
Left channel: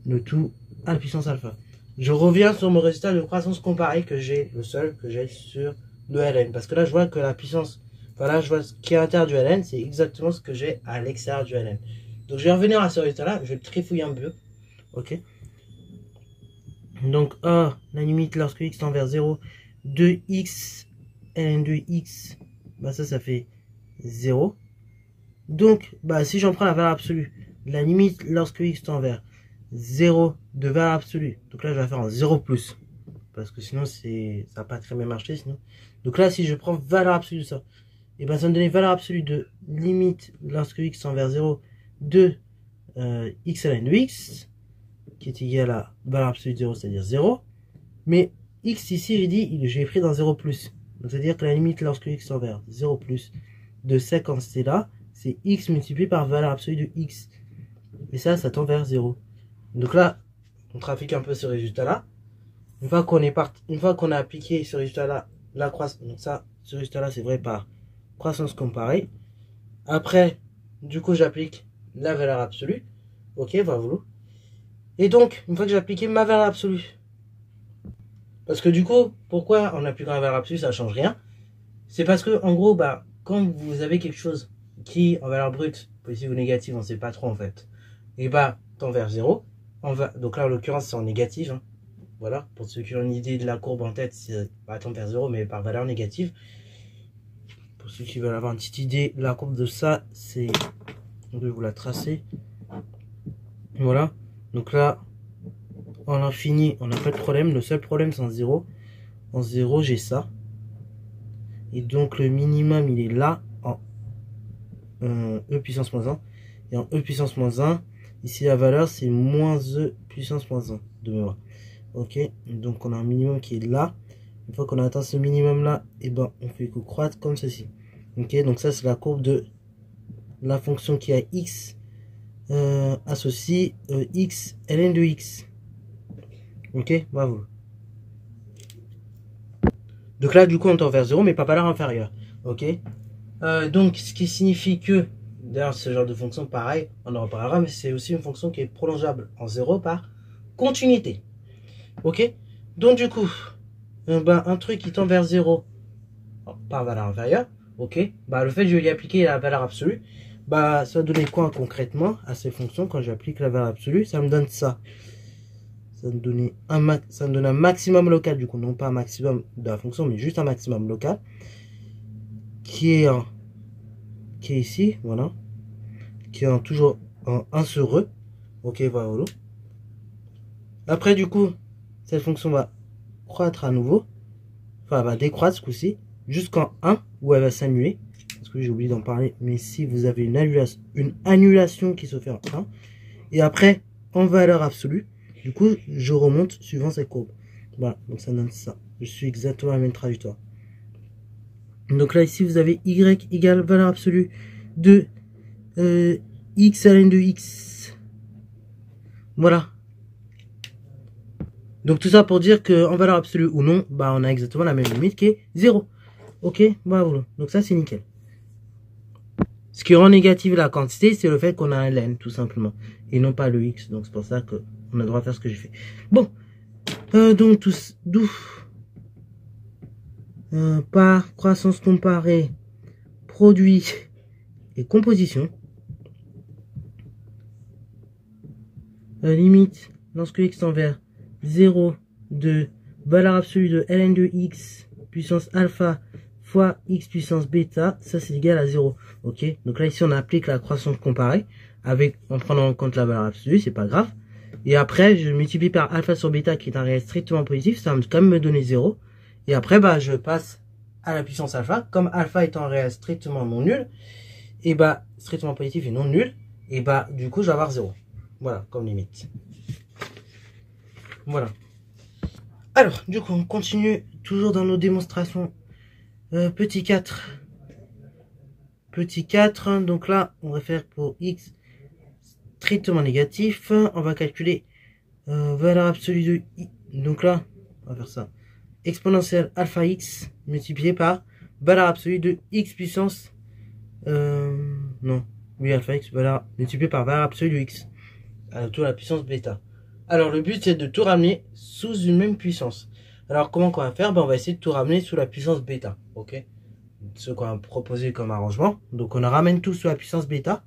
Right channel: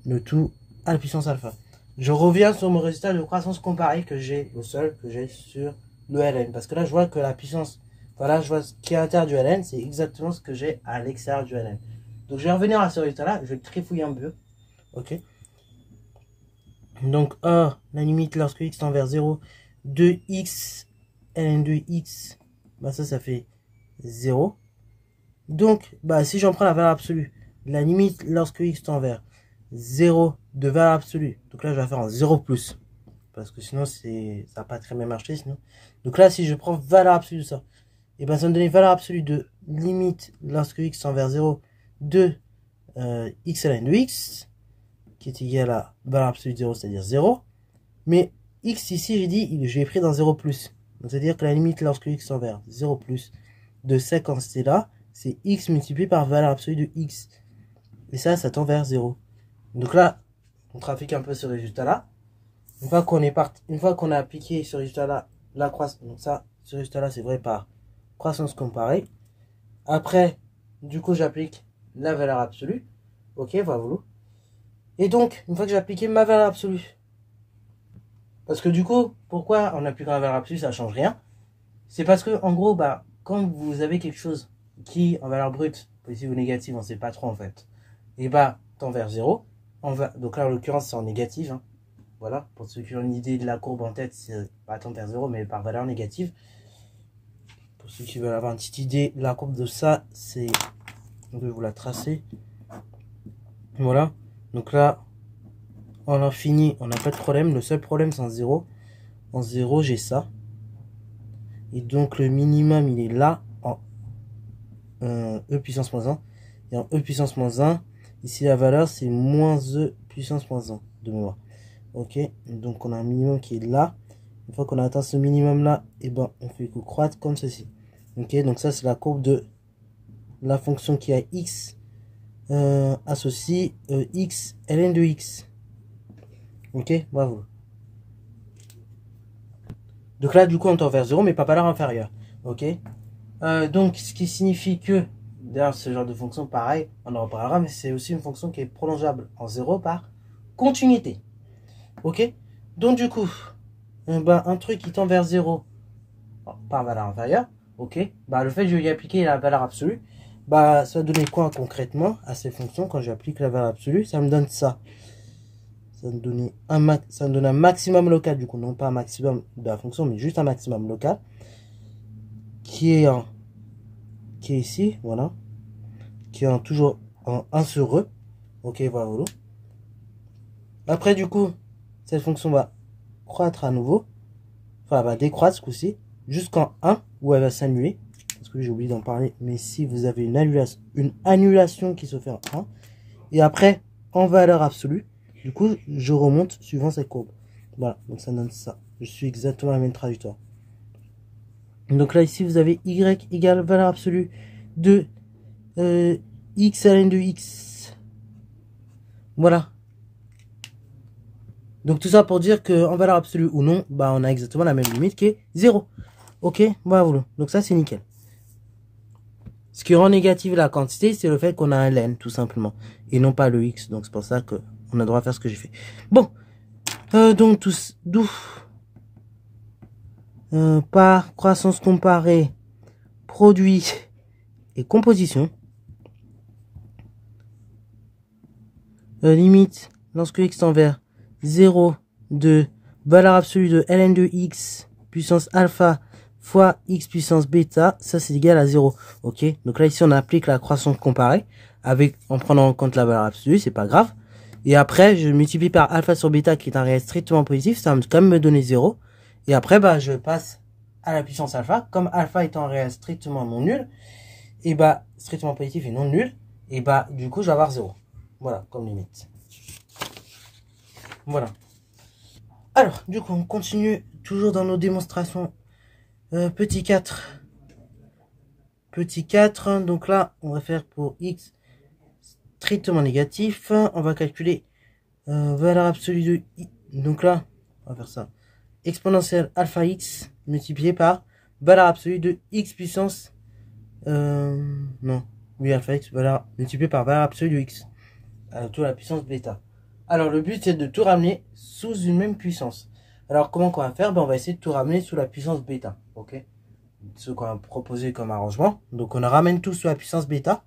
le tout à la puissance alpha. Je reviens sur mon résultat de croissance comparée que j'ai, le seul que j'ai sur le ln. Parce que là, je vois que la puissance, voilà, je vois ce qui est à l'intérieur du ln, c'est exactement ce que j'ai à l'extérieur du ln. Donc, je vais revenir à ce résultat-là, je vais le trifouiller un peu. Ok. Donc, la limite lorsque x tend vers 0, 2x, ln de x, bah ça fait 0. Donc, bah si j'en prends la valeur absolue, la limite lorsque x tend vers 0 de valeur absolue, donc là je vais faire en 0 plus, parce que sinon ça va pas très bien marcher sinon. Donc là si je prends valeur absolue de ça, et ben ça me donne valeur absolue de limite lorsque x tend vers 0 de x ln de x, qui est égal à valeur absolue de 0, c'est-à-dire 0. Mais x ici j'ai dit, je l'ai pris dans 0 plus. Donc c'est-à-dire que la limite lorsque x tend vers 0 plus de cette quantité là, c'est x multiplié par valeur absolue de x. Et ça tend vers 0. Donc là, on trafique un peu ce résultat-là. Une fois qu'on a appliqué ce résultat-là, la croissance, donc ça, ce résultat-là, c'est vrai par croissance comparée. Après, du coup, j'applique la valeur absolue. Ok, voilà. Et donc, une fois que j'ai appliqué ma valeur absolue, parce que du coup, pourquoi en appliquant la valeur absolue, ça ne change rien? C'est parce que, en gros, bah, quand vous avez quelque chose qui, en valeur brute, positive ou négative, on ne sait pas trop en fait, et bah, tend vers 0, donc là, en l'occurrence, c'est en négative, hein. Voilà, pour ceux qui ont une idée de la courbe en tête, c'est pas tendre vers 0, mais par valeur négative. Pour ceux qui veulent avoir une petite idée, la courbe de ça, c'est... Je vais vous la tracer. Voilà, donc là, on a fini, on n'a pas de problème. Le seul problème, c'est en 0. En 0, j'ai ça. Et donc, le minimum, il est là, en E puissance moins 1. Et en E puissance moins 1, ici, la valeur, c'est moins E puissance moins 1 de mémoire. Ok, donc on a un minimum qui est là. Une fois qu'on a atteint ce minimum là, et ben on fait que croître comme ceci. Ok, donc ça c'est la courbe de la fonction qui a x associe x ln de x. Ok, bravo. Donc là du coup on tend vers 0 mais pas valeur inférieure. Ok, donc ce qui signifie que, d'ailleurs ce genre de fonction pareil, on en reparlera, mais c'est aussi une fonction qui est prolongeable en 0 par continuité. Ok, donc du coup, un truc qui tend vers 0 par valeur inférieure, ok, bah le fait que je vais y appliquer la valeur absolue, bah ça va donner quoi concrètement à ces fonctions quand j'applique la valeur absolue? Ça me donne ça. Ça me donne un maximum local, du coup, non pas un maximum de la fonction, mais juste un maximum local, qui est ici, voilà, qui est toujours en 1 sur E, ok, voilà. Après, du coup, cette fonction va croître à nouveau, enfin, elle va décroître ce coup-ci, jusqu'en 1, où elle va s'annuler. Parce que j'ai oublié d'en parler, mais si vous avez une annulation qui se fait en 1, et après, en valeur absolue, du coup, je remonte suivant cette courbe. Voilà, donc ça donne ça. Je suis exactement la même trajectoire. Donc là, ici, vous avez y égale valeur absolue de x ln de x. Voilà. Donc tout ça pour dire qu'en valeur absolue ou non, bah on a exactement la même limite qui est 0. Ok, voilà. Donc ça, c'est nickel. Ce qui rend négative la quantité, c'est le fait qu'on a un ln, tout simplement. Et non pas le x. Donc c'est pour ça qu'on a le droit à faire ce que j'ai fait. Bon. Donc d'où par croissance comparée, produit et composition. Limite, lorsque x tend vers 0 de valeur absolue de ln de x puissance alpha fois x puissance bêta, ça c'est égal à 0. Ok, donc là ici on applique la croissance comparée en prenant en compte la valeur absolue, c'est pas grave. Et après je multiplie par alpha sur bêta qui est un réel strictement positif, ça va quand même me donner 0. Et après bah je passe à la puissance alpha, comme alpha étant un réel strictement non nul, et bah strictement positif et non nul, et bah du coup je vais avoir 0. Voilà, comme limite. Voilà. Alors, du coup, on continue toujours dans nos démonstrations. Petit 4. Petit 4. Donc là, on va faire pour x strictement négatif. On va calculer valeur absolue de i. Donc là, on va faire ça. Exponentielle alpha x multiplié par valeur absolue de x puissance. Non. Oui, alpha x multiplié par valeur absolue de x. Tout la puissance bêta. Alors le but c'est de tout ramener sous une même puissance. Alors comment qu'on va faire? Ben, on va essayer de tout ramener sous la puissance bêta. Ok, ce qu'on a proposé comme arrangement. Donc on ramène tout sous la puissance bêta.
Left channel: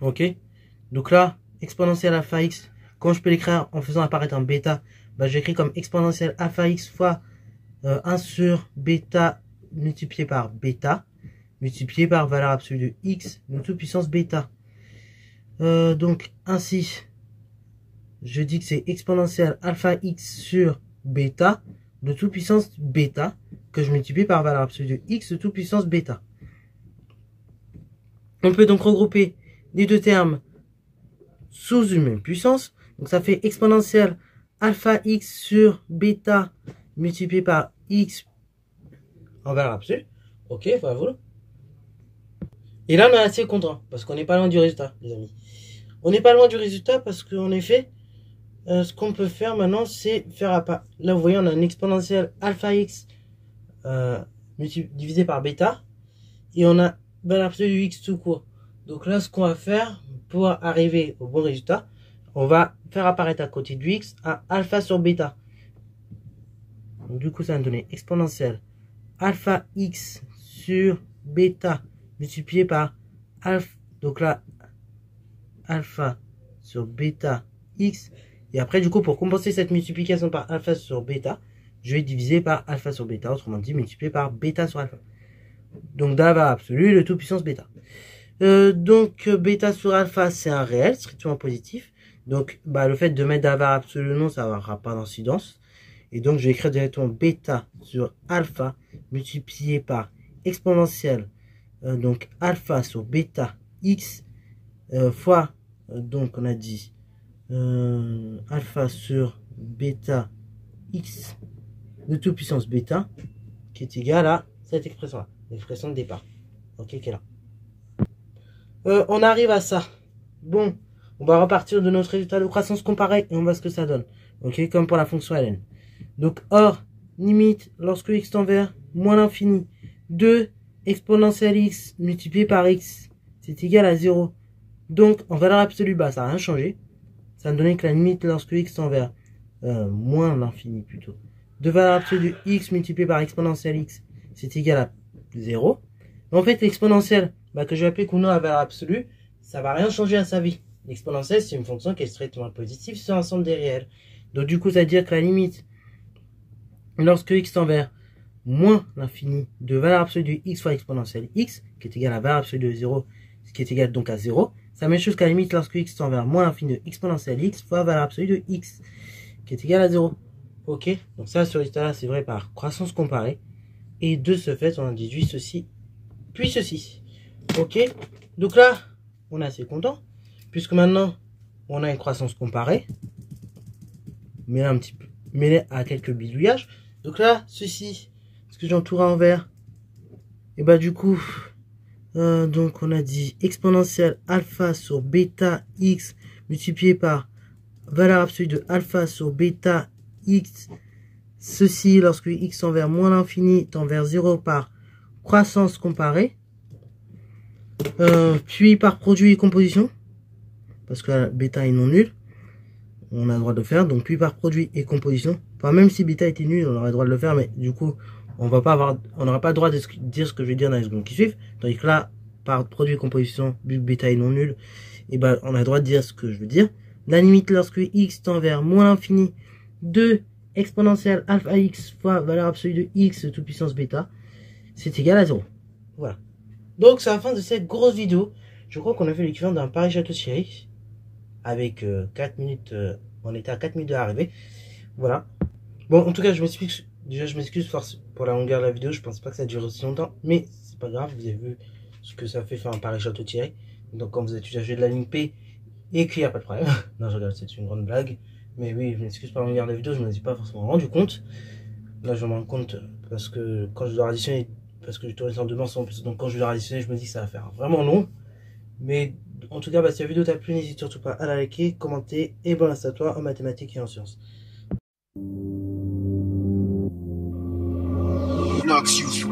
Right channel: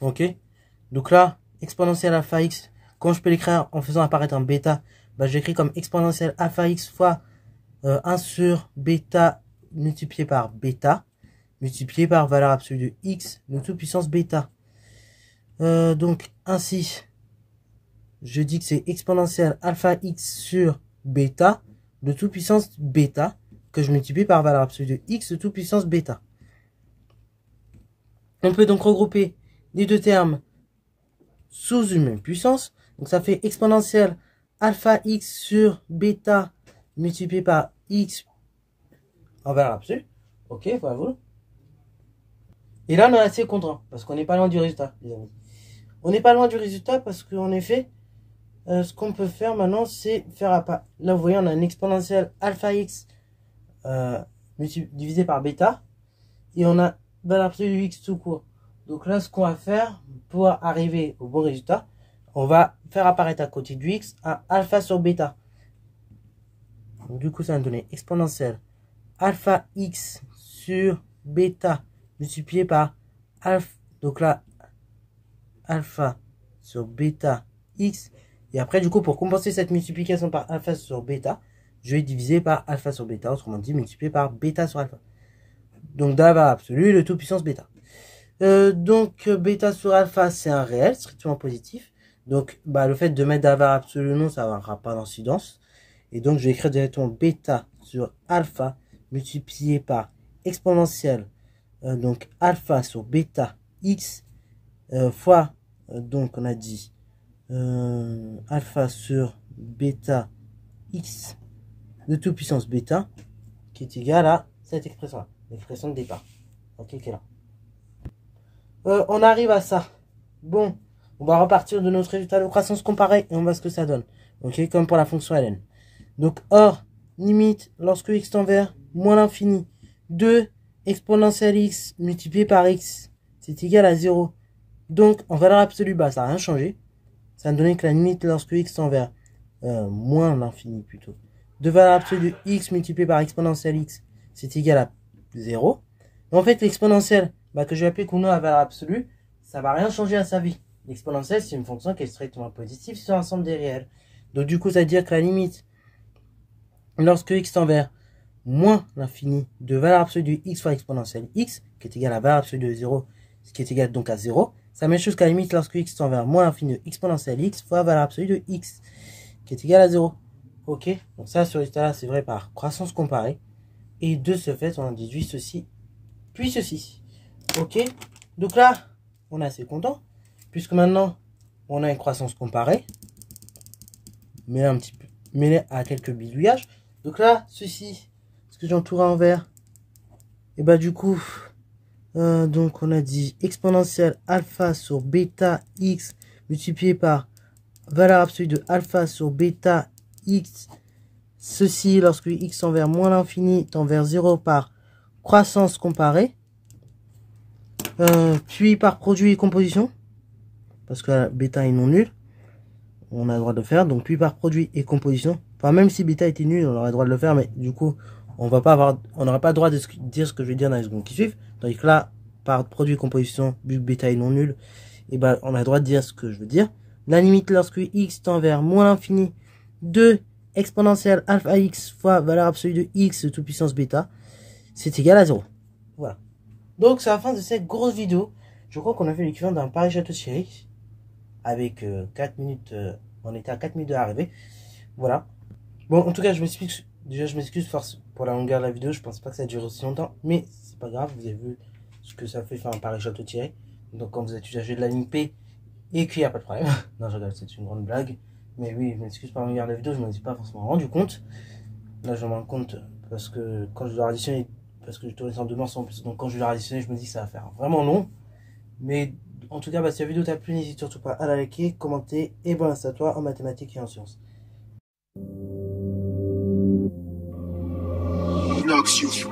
Ok, donc là exponentielle alpha x, quand je peux l'écrire en faisant apparaître un bêta, ben, j'écris comme exponentielle alpha x fois 1 sur bêta multiplié par bêta multiplié par valeur absolue de x de toute puissance bêta. Donc ainsi je dis que c'est exponentielle alpha x sur bêta de toute puissance bêta que je multiplie par valeur absolue de x de toute puissance bêta. On peut donc regrouper les deux termes sous une même puissance. Donc ça fait exponentielle alpha x sur bêta multiplié par x en valeur absolue. Ok, voilà. Et là on est assez content parce qu'on n'est pas loin du résultat, les amis. On n'est pas loin du résultat parce qu'en effet, ce qu'on peut faire maintenant, c'est faire à part. Là, vous voyez, on a une exponentielle alpha x divisé par bêta. Et on a valeur absolue de x tout court. Donc là, ce qu'on va faire pour arriver au bon résultat, on va faire apparaître à côté du x un alpha sur bêta. Donc, du coup, ça va me donner exponentielle alpha x sur bêta multiplié par alpha. Donc là, alpha sur bêta x Et après, du coup, pour compenser cette multiplication par alpha sur bêta, je vais diviser par alpha sur bêta, autrement dit, multiplier par bêta sur alpha. Donc, dans la valeur absolue, le tout puissance bêta. Donc, bêta sur alpha, c'est un réel, strictement positif. Donc, le fait de mettre de la valeur absolue non, ça n'aura pas d'incidence. Et donc, je vais écrire directement bêta sur alpha multiplié par exponentielle. Donc, alpha sur bêta x fois, donc on a dit alpha sur bêta x de toute puissance bêta qui est égal à cette expression-là, l'expression de départ. Ok, qui est là. On arrive à ça. Bon, on va repartir de notre résultat de croissance comparée et on voit ce que ça donne. Ok, comme pour la fonction ln. Donc, or, limite, lorsque x tend vers moins l'infini, 2 exponentielle x multiplié par x, c'est égal à 0. Donc, en valeur absolue, ça n'a rien changé. Ça va me donner que la limite lorsque x tend vers moins l'infini plutôt, de valeur absolue de x multiplié par exponentielle x, c'est égal à 0. En fait, l'exponentielle, que je vais appeler qu'on a à valeur absolue, ça va rien changer à sa vie. L'exponentielle, c'est une fonction qui est strictement positive sur l'ensemble des réels. Donc du coup, ça veut dire que la limite, lorsque x tend vers moins l'infini de valeur absolue de x fois exponentielle x, qui est égal à valeur absolue de 0, ce qui est égal donc à 0, c'est la même chose qu'à la limite lorsque x tend vers moins l'infini de exponentielle x fois valeur absolue de x, qui est égal à 0. Ok, donc ça, ce résultat-là, c'est vrai par croissance comparée. Et de ce fait, on a déduit ceci, puis ceci. Ok, donc là, on est assez content, puisque maintenant, on a une croissance comparée, mais là, un petit peu, mêlée à quelques bidouillages. Donc là, ceci, ce que j'entoure en vert, et du coup, donc on a dit exponentielle alpha sur bêta x multiplié par valeur absolue de alpha sur bêta x, ceci lorsque x tend vers moins l'infini tend vers 0 par croissance comparée, puis par produit et composition, parce que bêta est non nul, on a le droit de le faire, donc puis par produit et composition, enfin même si bêta était nul, on aurait le droit de le faire, mais du coup, on n'aura pas le droit de dire ce que je vais dire dans les secondes qui suivent, tandis que là, par produit et composition, vu que bêta est non nul, et on a le droit de dire ce que je veux dire. La limite lorsque x tend vers moins l'infini de exponentielle alpha x fois valeur absolue de x de toute puissance bêta, c'est égal à 0. Voilà. Donc c'est la fin de cette grosse vidéo. Je crois qu'on a fait l'équivalent d'un Paris-Château-Thierry. Avec 4 minutes, on était à 4 minutes de l'arrivée. Voilà. Bon, en tout cas, je m'excuse pour la longueur de la vidéo. Je pense pas que ça dure aussi longtemps. Mais c'est pas grave, vous avez vu ce que ça fait faire un Paris-Château-Thierry. Donc quand vous êtes usagé de la ligne P, et qu'il n'y a pas de problème. Non, je regarde, c'est une grande blague. Mais oui, je m'excuse pour la longueur de la vidéo, je ne m'en suis pas forcément rendu compte. Là, je me rends compte parce que quand je dois additionner, parce que je tourne en 2 morceaux en plus, donc quand je dois additionner, je me dis que ça va faire vraiment long. Mais en tout cas, si la vidéo t'a plu, n'hésite surtout pas à la liker, commenter et bon à toi en mathématiques et en sciences. Noxious.